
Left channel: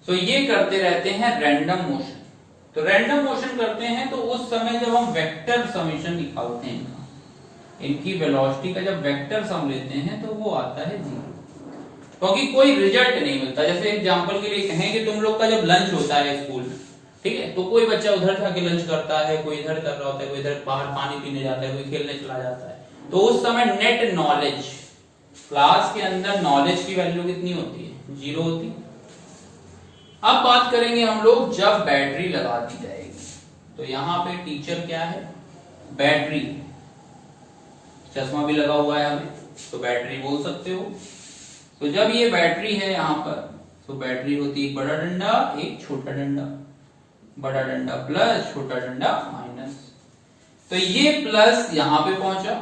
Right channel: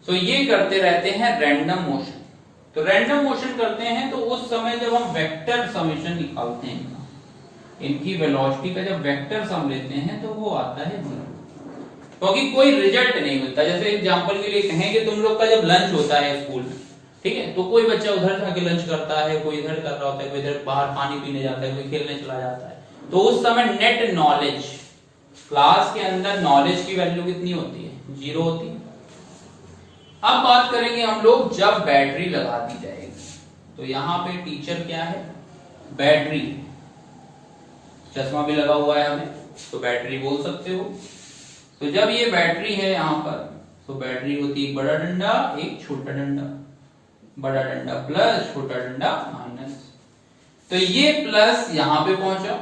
तो ये करते रहते हैं रैंडम मोशन। तो रैंडम मोशन करते हैं तो उस समय जब हम वेक्टर समेशन निकालते हैं इनकी वेलोसिटी का, जब वेक्टर सम लेते हैं तो वो आता है 0, क्योंकि कोई रिजल्ट नहीं मिलता। जैसे एग्जांपल के लिए कहें कि तुम लोग का जब लंच होता है स्कूल में, ठीक है, तो कोई बच्चा उधर जाके लंच करता है, कोई इधर कर रहा होता है, कोई इधर बाहर पानी पीने जाता है, कोई खेलने चला जाता है। तो उस समय नेट नॉलेज, क्लास के अंदर नॉलेज की वैल्यू कितनी होती है, 0 होती है। अब बात करेंगे हम लोग जब बैटरी लगा दी जाएगी, तो यहाँ पे टीचर क्या है, बैटरी, चश्मा भी लगा हुआ है हमें, तो बैटरी बोल सकते हो। तो जब ये बैटरी है यहाँ पर, तो बैटरी होती है एक बड़ा डंडा एक छोटा डंडा, बड़ा डंडा प्लस छोटा डंडा माइनस। तो ये प्लस यहाँ पे पहुंचा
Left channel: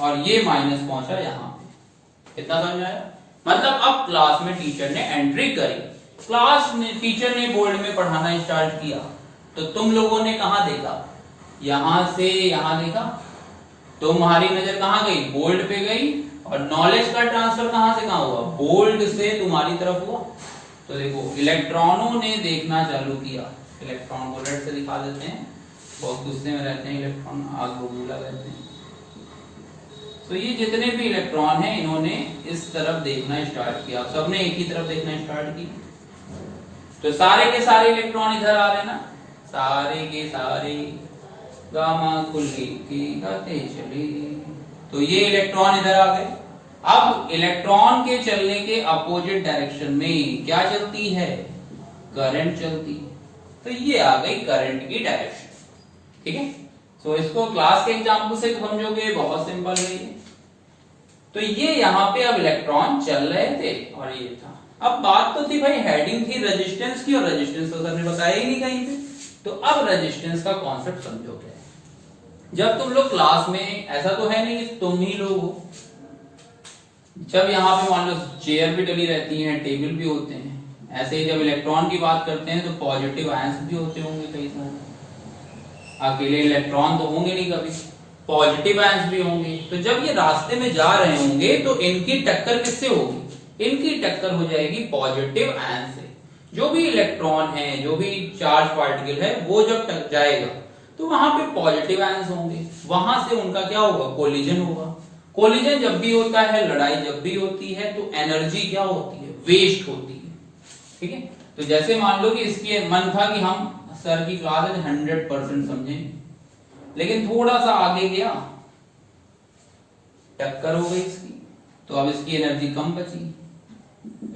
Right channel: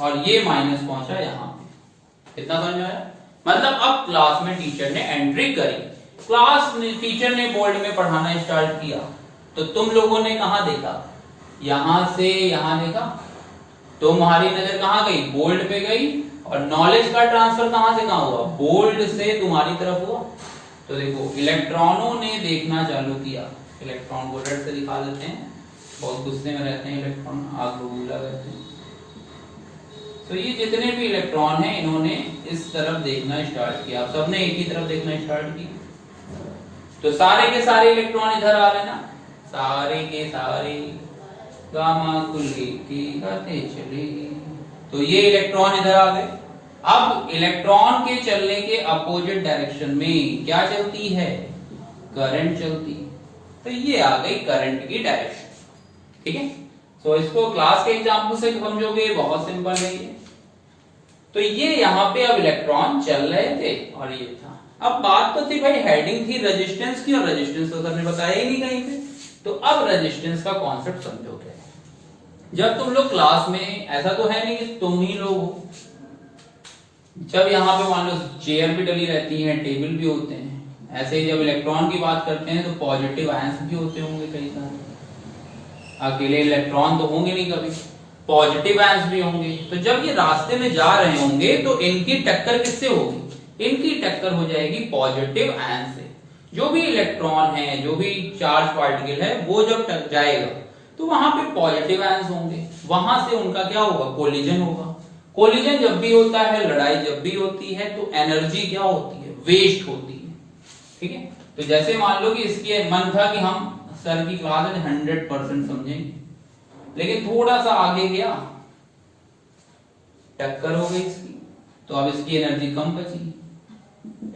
और ये माइनस पहुंचा यहाँ पे। इतना समझ में आया? मतलब अब क्लास में टीचर ने एंट्री करी, क्लास में टीचर ने बोर्ड में पढ़ाना स्टार्ट किया, तो तुम लोगों ने कहां देखा, यहां से यहां देखा, तुम्हारी नजर कहां गई, बोर्ड पे गई, और नॉलेज का ट्रांसफर कहां से कहां हुआ, बोर्ड से तुम्हारी तरफ हुआ। तो देखो इलेक्ट्रॉनों ने देखना चालू किया, इलेक्ट्रॉन को रेड से दिखा देते हैं, बहुत गुस्से में रहते हैं इलेक्ट्रॉन, आग बबूला रहते हैं। तो ये जितने भी इलेक्ट्रॉन हैं इन्होंने इस तरफ देखना स्टार्ट किया, सबने एक ही तरफ देखना स्टार्ट किया। तो सारे के सारे इलेक्ट्रॉन इधर आ रहे हैं ना, सारे के सारे, गामा खुली की गाते चलेगी। तो ये इलेक्ट्रॉन इधर आ गए। अब इलेक्ट्रॉन के चलने के अपोजिट डायरेक्शन में क्या चलती है, करंट चलती है। तो ये आ गई करंट की डायरेक्शन, ठीक है। तो इसको क्लास के एग्जांपल से समझोगे, बहुत सिंपल है ये। तो ये यहाँ पे अब इलेक्ट्रॉन चल रहे थे और ये था। अब बात तो थी भाई हेडिंग थी रेजिस्टेंस की, और रेजिस्टेंस तो सर ने बताया ही नहीं कहीं पे। तो अब रेजिस्टेंस का कॉन्सेप्ट समझो क्या है। जब तुम लोग क्लास में, ऐसा तो है नहीं कि तुम ही लोग हो, जब यहाँ पे मान लो चेयर भी डली रहती है, टेबल भी होते हैं, ऐसे ही जब इलेक्ट्रॉन की बात करते हैं तो पॉजिटिव आयंस भी होते होंगे कई सारे, अकेले इलेक्ट्रॉन तो होंगे नहीं कभी, पॉजिटिव आयंस भी होंगे। तो जब ये रास्ते में जा रहे होंगे तो इनकी टक्कर किससे होगी, इनकी टक्कर हो जाएगी पॉजिटिव आयन से। जो भी इलेक्ट्रॉन है, जो भी चार्ज पार्टिकल है, वो जब टक जाएगा तो वहां पे पॉजिटिव आयंस होंगे, वहां से उनका क्या होगा, कोलिजन होगा। कोलिजन जब भी होता है, लड़ाई जब भी होती है, तो एनर्जी क्या होती है, वेस्ट होती है, ठीक है। तो जैसे मान लो कि इसके मन था कि हम सर की क्लास 100% समझेंगे, लेकिन थोड़ा सा आगे गया, टक्कर हो गई इसकी, तो अब इसकी एनर्जी कम बची,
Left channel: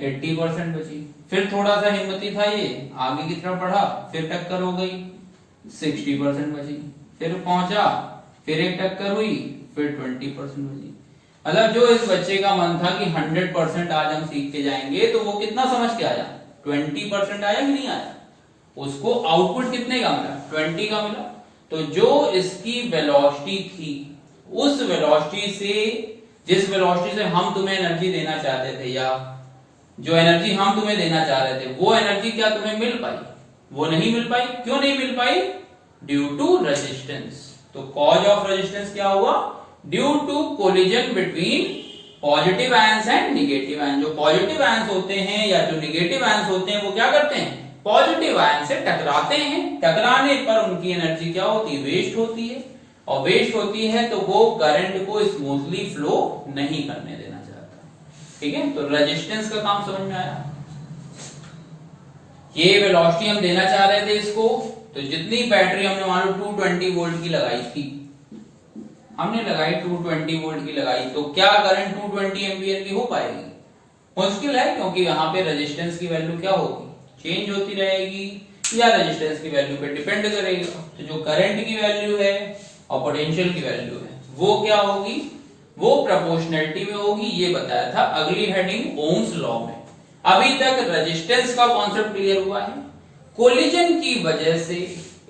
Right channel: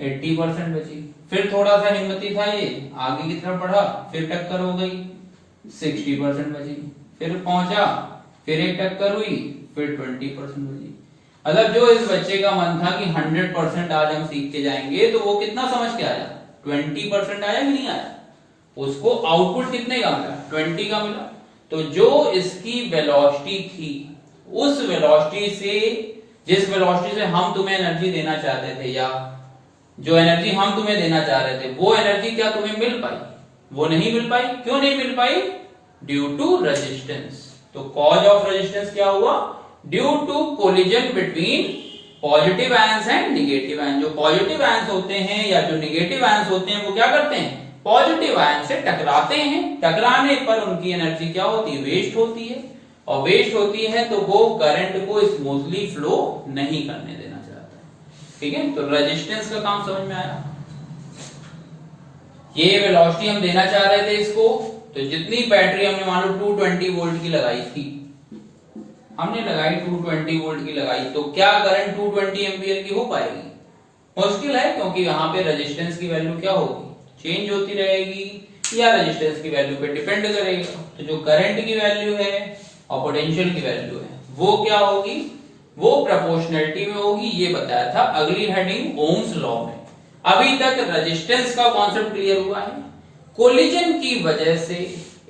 80% बची। फिर थोड़ा सा हिम्मती था ये, आगे की तरफ बढ़ा, फिर टक्कर हो गई, 60% बची। फिर पहुंचा, फिर एक टक्कर हुई, फिर 20% बची। मतलब जो इस बच्चे का मन था कि 100% आज हम सीख के जाएंगे, तो वो कितना समझ के आया, 20% आया कि नहीं आया, उसको आउटपुट कितने का मिला, 20 का मिला। तो जो इसकी वेलोसिटी थी, उस वेलोसिटी से जिस वेलोसिटी से हम तुम्हें एनर्जी देना चाहते थे या जो एनर्जी हम तुम्हें देना चाह रहे थे वो एनर्जी क्या तुम्हें मिल पाई? वो नहीं मिल पाई। क्यों नहीं मिल पाई? Due to resistance. तो कॉज ऑफ रेजिस्टेंस क्या हुआ? Due to collision between positive ions and negative ions. जो पॉजिटिव आयंस होते हैं या जो नेगेटिव आयंस होते हैं वो क्या करते हैं? पॉजिटिव आयन से टकराते हैं। टकराने पर उनकी एनर्जी क्या होती है? वेस्ट होती है। और वेस्ट होती है तो वो करंट को स्मूथली फ्लो नहीं करने देना चाहता। ठीक है, तो रेजिस्टेंस का काम समझ में आया। ये वेलोसिटी हम देना चाह रहे थे इसको, तो जितनी बैटरी हमने मान लो 220 वोल्ट की लगाई थी, हमने लगाई 220 वोल्ट की लगाई, तो क्या करंट 220 एम्पियर की हो पाएगी? मुश्किल है, क्योंकि यहाँ पे रेजिस्टेंस की वैल्यू क्या होगी? चेंज होती रहेगी या रेजिस्टेंस की वैल्यू पे डिपेंड करेगा। तो जो करंट की वैल्यू है और पोटेंशियल की वैल्यू है वो क्या होगी? वो प्रोपोर्शनलिटी में होगी। ये बताया था अगली हेडिंग ओम्स लॉ में। अभी तक रेजिस्टेंस का कॉन्सेप्ट क्लियर हुआ है। कोलिजन की वजह से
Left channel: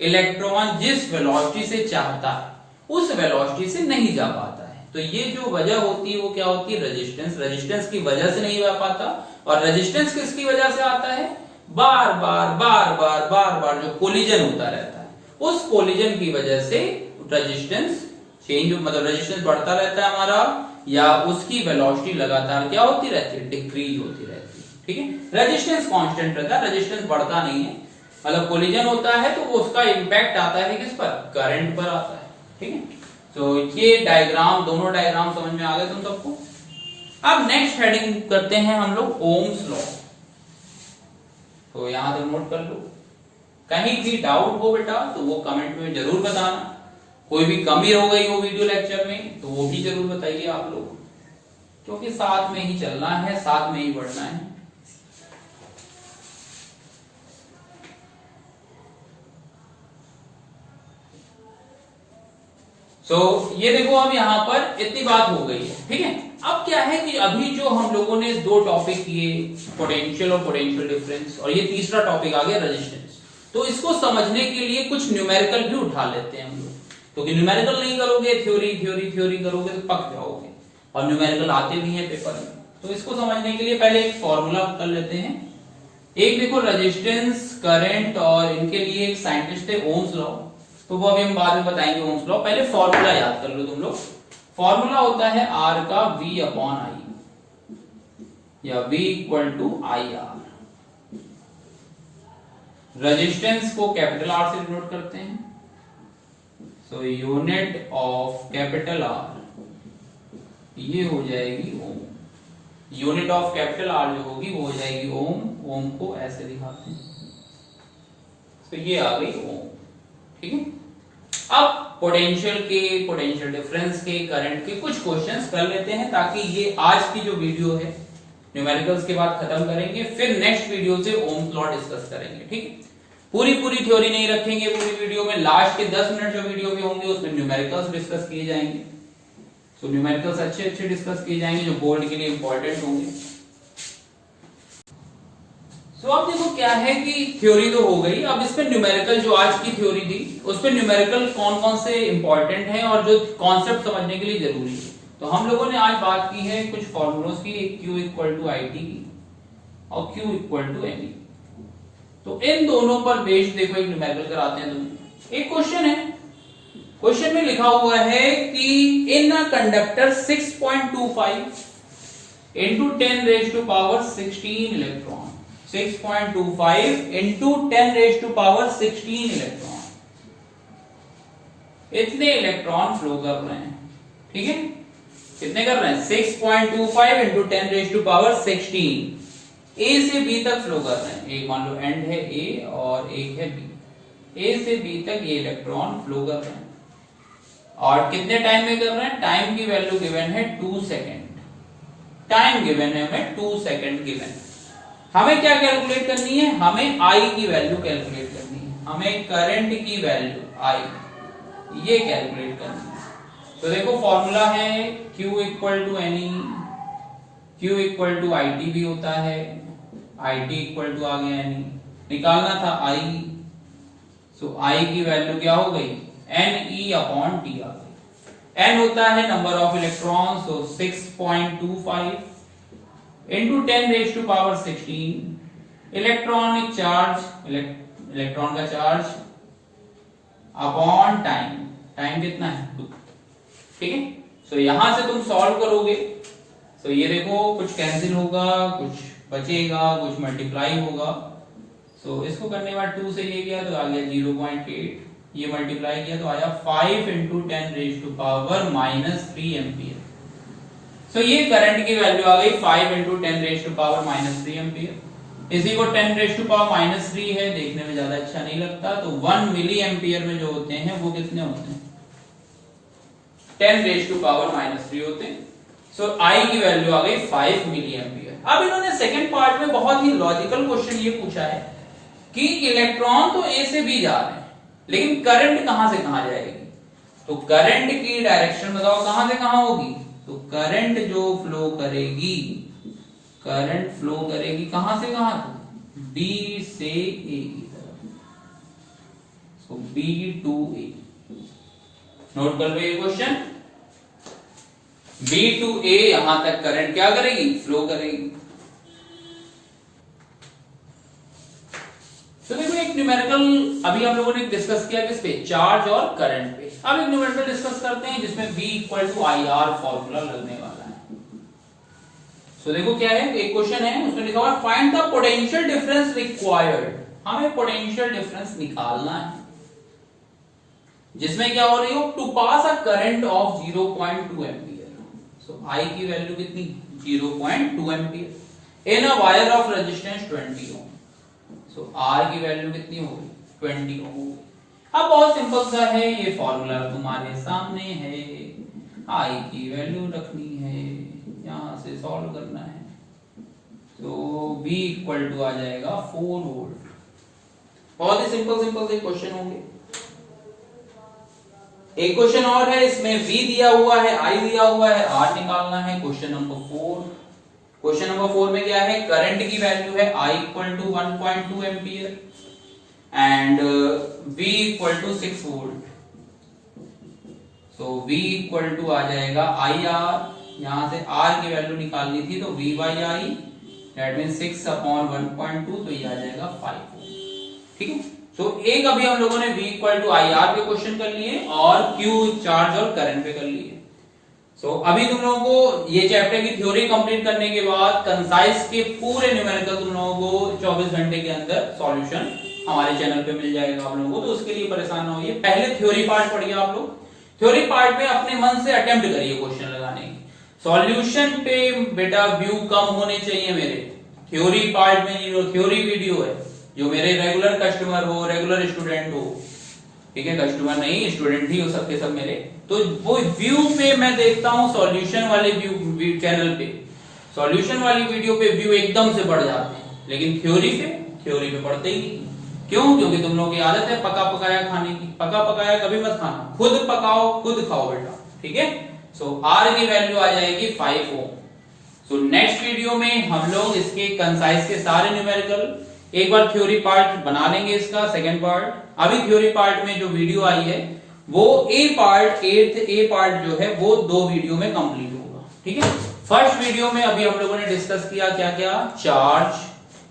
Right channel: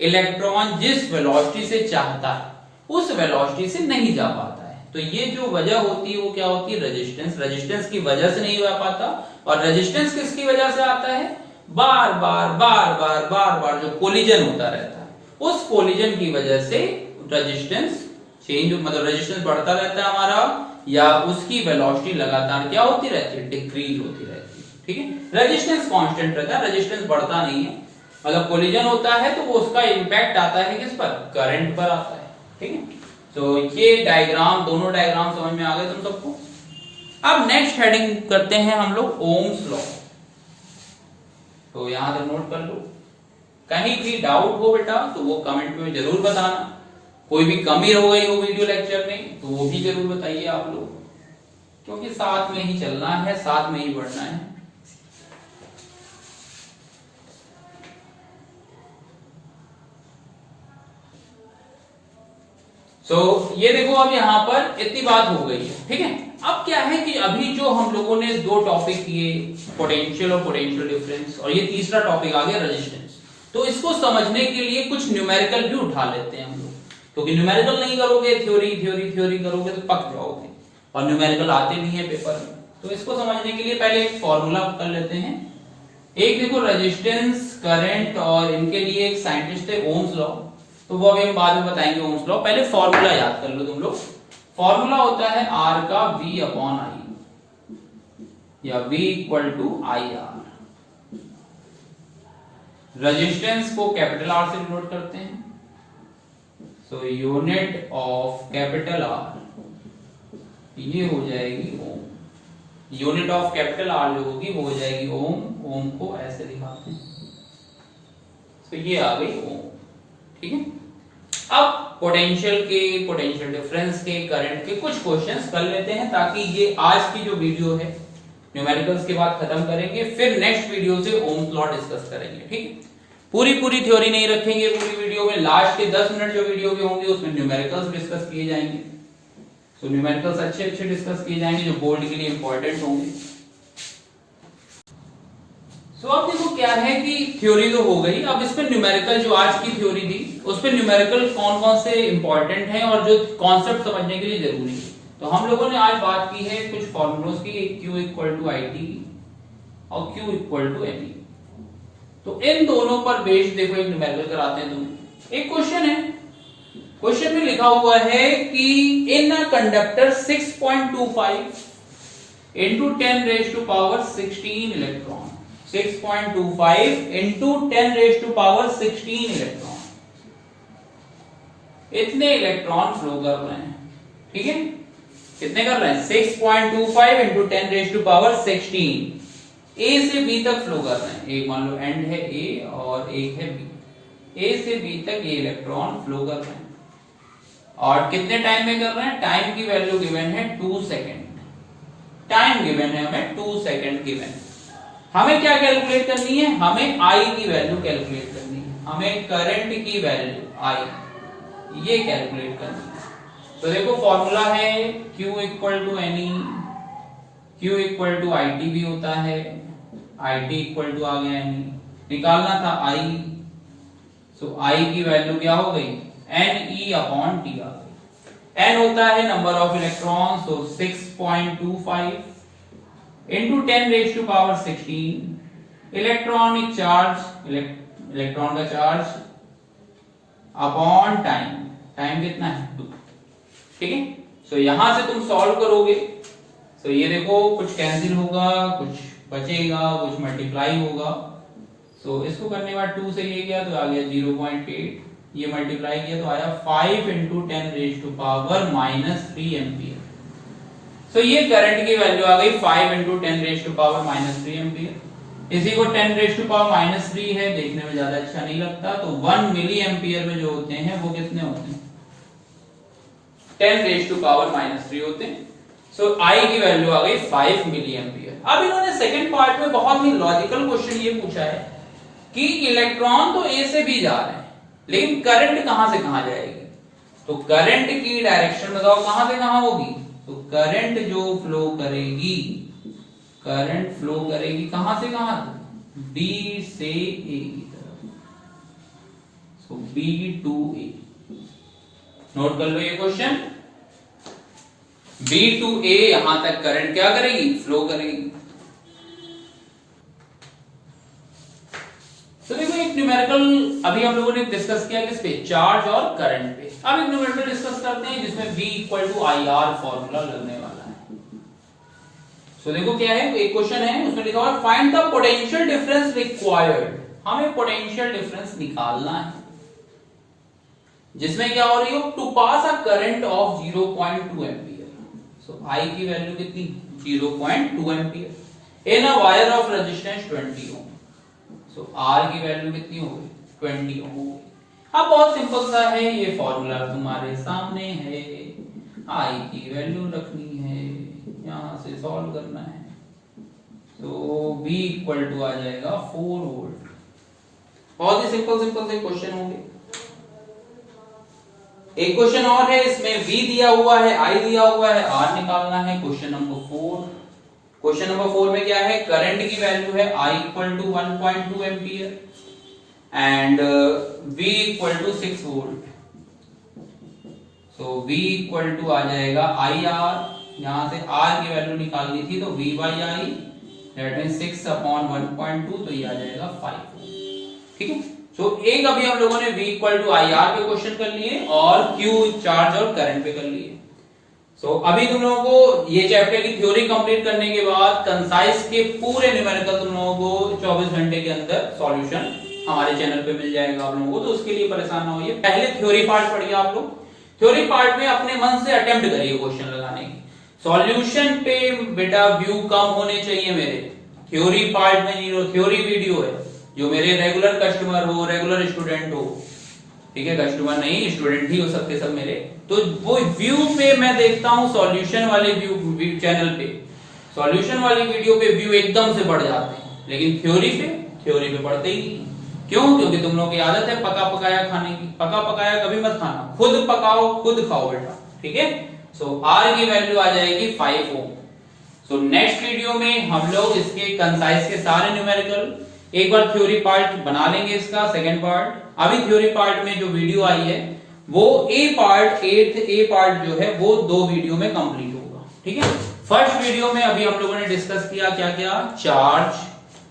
इलेक्ट्रॉन जिस वेलोसिटी से चाहता है उस वेलोसिटी से नहीं जा पाता है। तो ये जो वजह होती है वो क्या होती है? रेजिस्टेंस। रेजिस्टेंस की वजह से नहीं जा पाता। और रेजिस्टेंस किसकी वजह से आता है? बार बार जो कोलिजन होता रहता है उस कोलिजन की वजह से रेजिस्टेंस चेंज, मतलब रेजिस्टेंस बढ़ता रहता है हमारा, या उसकी वेलोसिटी लगातार क्या होती रहती है? डिक्रीज होती रहती है। ठीक है, रेजिस्टेंस कांस्टेंट रहता है, रेजिस्टेंस बढ़ता नहीं है। मतलब कोलिजन होता है तो वो उसका इंपैक्ट आता है किस पर? करंट पर आता है। ठीक है, तो ये डायग्राम, दोनों डायग्राम समझ में आ गए तुम सबको। अब नेक्स्ट हेडिंग करते हैं हम लोग ओम्स लॉ। तो यहां से नोट कर लो। कहीं भी डाउट हो बेटा तो वो कमेंट में जरूर बताना। कोई भी कमी हो गई हो वीडियो लेक्चर में तो वो भी जरूर बताइए आप लोग, क्योंकि साथ में ही चलना है, साथ में ही बढ़ना है। ये देखो, अब यहां पर इतनी बात हो गई है। ठीक है, अब क्या है कि अभी जो हम लोगों ने दो टॉपिक किए, पोटेंशियल और पोटेंशियल डिफरेंस, और ये तीसरा टॉपिक आ गया रेजिस्टेंस। तो इसको समझने के लिए कुछ न्यूमेरिकल भी उठा लेते हैं हम लोग, क्योंकि न्यूमेरिकल नहीं करोगे, थ्योरी करोगे तो पक जाओगे, और न्यूमेरिकल आते भी हैं पेपर में। तो इसको समझने के लिए पहले एक फॉर्मूला कर लेते हैं। एक देखो, रेजिस्टेंस, करंट, और इनके लिए एक साइंटिस्ट है ओम्स लॉ, तो वो अभी हम बाद में बताएंगे ओम्स लॉ। पहले फॉर्मूला याद कर लो तुम लोग। फॉर्मूला होता है R का V अपॉन I, या V equal to IR। Resistance को कैपिटल R से डिनोट करते हैं, so unit of capital R ये हो जाएगी ohm. Unit of capital R जो होगी वो हो जाएगी ओम। ओम को ऐसे दिखाते हैं, तो ये आ गई ओम। ठीक है, अब पोटेंशियल के, पोटेंशियल डिफरेंस के, करंट के कुछ क्वेश्चंस कर लेते हैं, ताकि ये आज की जो वीडियो है न्यूमेरिकल्स के बाद खत्म करेंगे, फिर नेक्स्ट वीडियो से ओम्स लॉ डिस्कस करेंगे। ठीक है, पूरी थ्योरी नहीं रखेंगे पूरी वीडियो में। लास्ट के 10 मिनट जो वीडियो के होंगे उसमें न्यूमेरिकल्स डिस्कस किए जाएंगे। तो न्यूमेरिकल्स अच्छे डिस्कस किए जाएंगे जो बोर्ड के लिए इंपॉर्टेंट होंगे। सो अब देखो क्या है कि थ्योरी तो हो गई, अब इस पे न्यूमेरिकल जो आज की थ्योरी दी उस पे न्यूमेरिकल कौन कौन से इंपॉर्टेंट हैं और जो कॉन्सेप्ट समझने के लिए जरूरी है। तो हम लोगों ने आज बात की है कुछ फॉर्मूलोस की, Q इक्वल टू IT और Q इक्वल टू NE। तो इन दोनों पर बेस्ड देखो एक न्यूमेरिकल कराते हैं तुम। एक क्वेश्चन है, क्वेश्चन में लिखा हुआ है कि in a conductor 6.25 into 10 raised to power 16 electron, 6.25 into 10 raised to power 16 electron, इतने इलेक्ट्रॉन फ्लो कर रहे हैं। ठीक है, कितने कर रहे हैं? 6.25 into 10 raised to power 16, A से B तक फ्लो कर रहे हैं। एक मान लो एंड है A और एक है B, A से B तक ये इलेक्ट्रॉन फ्लो कर रहे हैं। और कितने टाइम में कर रहे हैं? टाइम की वैल्यू गिवन है 2 सेकेंड। टाइम गिवन है हमें 2 सेकेंड गिवन। हमें क्या कैलकुलेट करनी है? हमें I की वैल्यू कैलकुलेट करनी है, हमें करंट की वैल्यू I ये कैलकुलेट करनी है। तो देखो फॉर्मूला है Q equal to NE, Q equal to IT भी होता है, IT इक्वल टू आ गया NE, निकालना था I, सो I की वैल्यू क्या हो गई? NE अपॉन T आ गई। N होता है number of electron, so 6 6.25 into 10 raised to power 16 electronic charge, electron का चार्ज अपॉन टाइम, टाइम कितना है 2। ठीक है, सो यहां से तुम सॉल्व करोगे, सो ये देखो कुछ कैंसिल होगा, कुछ बचेगा, कुछ मल्टीप्लाई होगा। सो इसको करने के बाद 2 से ये गया तो आ गया 0.8, ये मल्टीप्लाई किया तो आया 5 into 10 raised to power -3 ampere. So ये करंट की वैल्यू आ गई 5 into 10 raised to power -3 ampere. इसी को 10 raised to power -3 है, देखने में ज्यादा अच्छा नहीं लगता, तो 1 मिली एम्पियर में जो होते हैं वो कितने होते हैं 10 raised to power -3 होते हैं। सो आई की वैल्यू आ गई 5 मिली एम्पियर। अब इन्होंने सेकंड पार्ट में बहुत ही लॉजिकल क्वेश्चन ये पूछा है कि इलेक्ट्रॉन तो ए से बी जा रहे हैं, लेकिन करंट कहां से कहां जाएगी, तो करंट की डायरेक्शन बताओ कहां से कहां होगी, तो करंट जो फ्लो करेगी, करंट फ्लो करेगी कहां से कहां, बी से ए की तरफ, सो बी टू ए। नोट कर लो ये क्वेश्चन, बी टू ए यहां तक करंट क्या करेगी, फ्लो करेगी। तो देखो एक न्यूमेरिकल अभी हम लोगों ने डिस्कस किया किस पे, चार्ज और करंट पे। अब एक न्यूमेरिकल डिस्कस करते हैं जिसमें V equal to I R formula लगने वाला है। तो देखो क्या है, एक क्वेश्चन है उसमें लिखा हुआ find the potential difference required, हमें पोटेंशियल डिफरेंस निकालना है जिसमें क्या हो रही हो, to pass a current of 0.2 ampere. So I की वैल्यू कितनी 0.2 ampere in a wire of resistance 20 ohm. तो R की वैल्यू कितनी होगी 20 ओम। अब बहुत सिंपल सा है, ये फॉर्मूला तुम्हारे सामने है, I की वैल्यू रखनी है, यहां से सॉल्व करना है, तो V इक्वल टू आ जाएगा 4 वोल्ट। बहुत ही सिंपल से क्वेश्चन होंगे। एक क्वेश्चन और है, इसमें V दिया हुआ है, I दिया हुआ है, R निकालना है। क्वेश्चन नंबर 4, क्वेश्चन नंबर 4 में क्या है, करंट की वैल्यू है I equal to 1.2 ampere and V equal to 6 volt. So V equal to आ जाएगा IR, यहां से R की वैल्यू निकालनी थी तो V by I, that means 6 upon 1.2, तो ये आ जाएगा 5। ठीक है, तो एक अभी हम लोगों ने V इक्वल टू IR पे क्वेश्चन कर लिए और Q चार्ज और करंट पे कर लिए। सो अभी तुम लोगों को ये चैप्टर की थ्योरी कंप्लीट करने के बाद कंसाइज के पूरे न्यूमेरिकल तुम लोगों को 24 घंटे के अंदर सॉल्यूशन हमारे चैनल पे मिल जाएगा आप लोगों को, तो उसके लिए परेशान ना होइए। पहले थ्योरी पार्ट पढ़िए आप लोग, थ्योरी पार्ट में अपने मन से अटेम्प्ट करिए क्वेश्चन लगाने की। सॉल्यूशन पे बेटा व्यू कम होने चाहिए मेरे, थ्योरी पार्ट में जीरो। थ्योरी वीडियो है, जो मेरे रेगुलर कस्टमर हो, रेगुलर स्टूडेंट हो, ठीक है, कस्टमर नहीं स्टूडेंट ही हो सकते सब मेरे, तो वो व्यू पे मैं देखता हूं सॉल्यूशन वाले व्यू चैनल पे, सॉल्यूशन वाली वीडियो पे व्यू एकदम से बढ़ जाते हैं, लेकिन थ्योरी पे बढ़ते ही नहीं। क्यों? क्योंकि तुम लोगों की आदत है पका पकाया खाने की। पका पकाया कभी मत खाना, खुद पकाओ खुद खाओ बेटा, ठीक है। सो R की वैल्यू आ जाएगी 5 ओम। सो नेक्स्ट वीडियो में हम लोग इसके कंसाइज के सारे न्यूमेरिकल एक बार थ्योरी पार्ट बना लेंगे, इसका सेकंड पार्ट। अभी थ्योरी पार्ट में जो वीडियो आई है वो ए पार्ट, 8th ए पार्ट जो है वो 2 वीडियो में कंप्लीट होगा, ठीक है। फर्स्ट वीडियो में अभी हम लोगों ने डिस्कस किया क्या क्या, charge,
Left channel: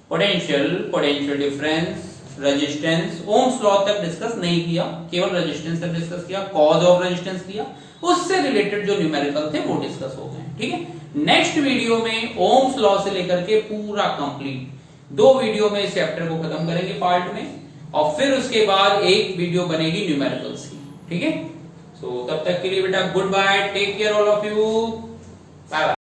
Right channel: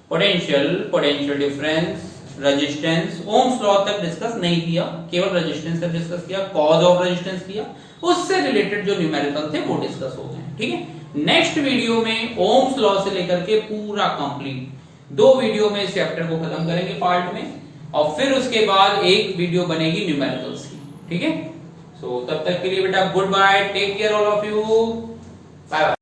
potential difference, resistance, Ohm's law तक डिस्कस नहीं किया, केवल रेजिस्टेंस तक डिस्कस किया, कॉज ऑफ रेजिस्टेंस किया, उससे रिलेटेड जो न्यूमेरिकल थे वो डिस्कस हो गए, ठीक है। नेक्स्ट वीडियो में ओम्स लॉ से लेकर के पूरा कंप्लीट 2 वीडियो में इस चैप्टर को खत्म करेंगे पार्ट में, और फिर उसके बाद एक वीडियो बनेगी न्यूमेरिकल्स की, ठीक है। सो तब तक के लिए बेटा good bye, take care all of you, bye bye.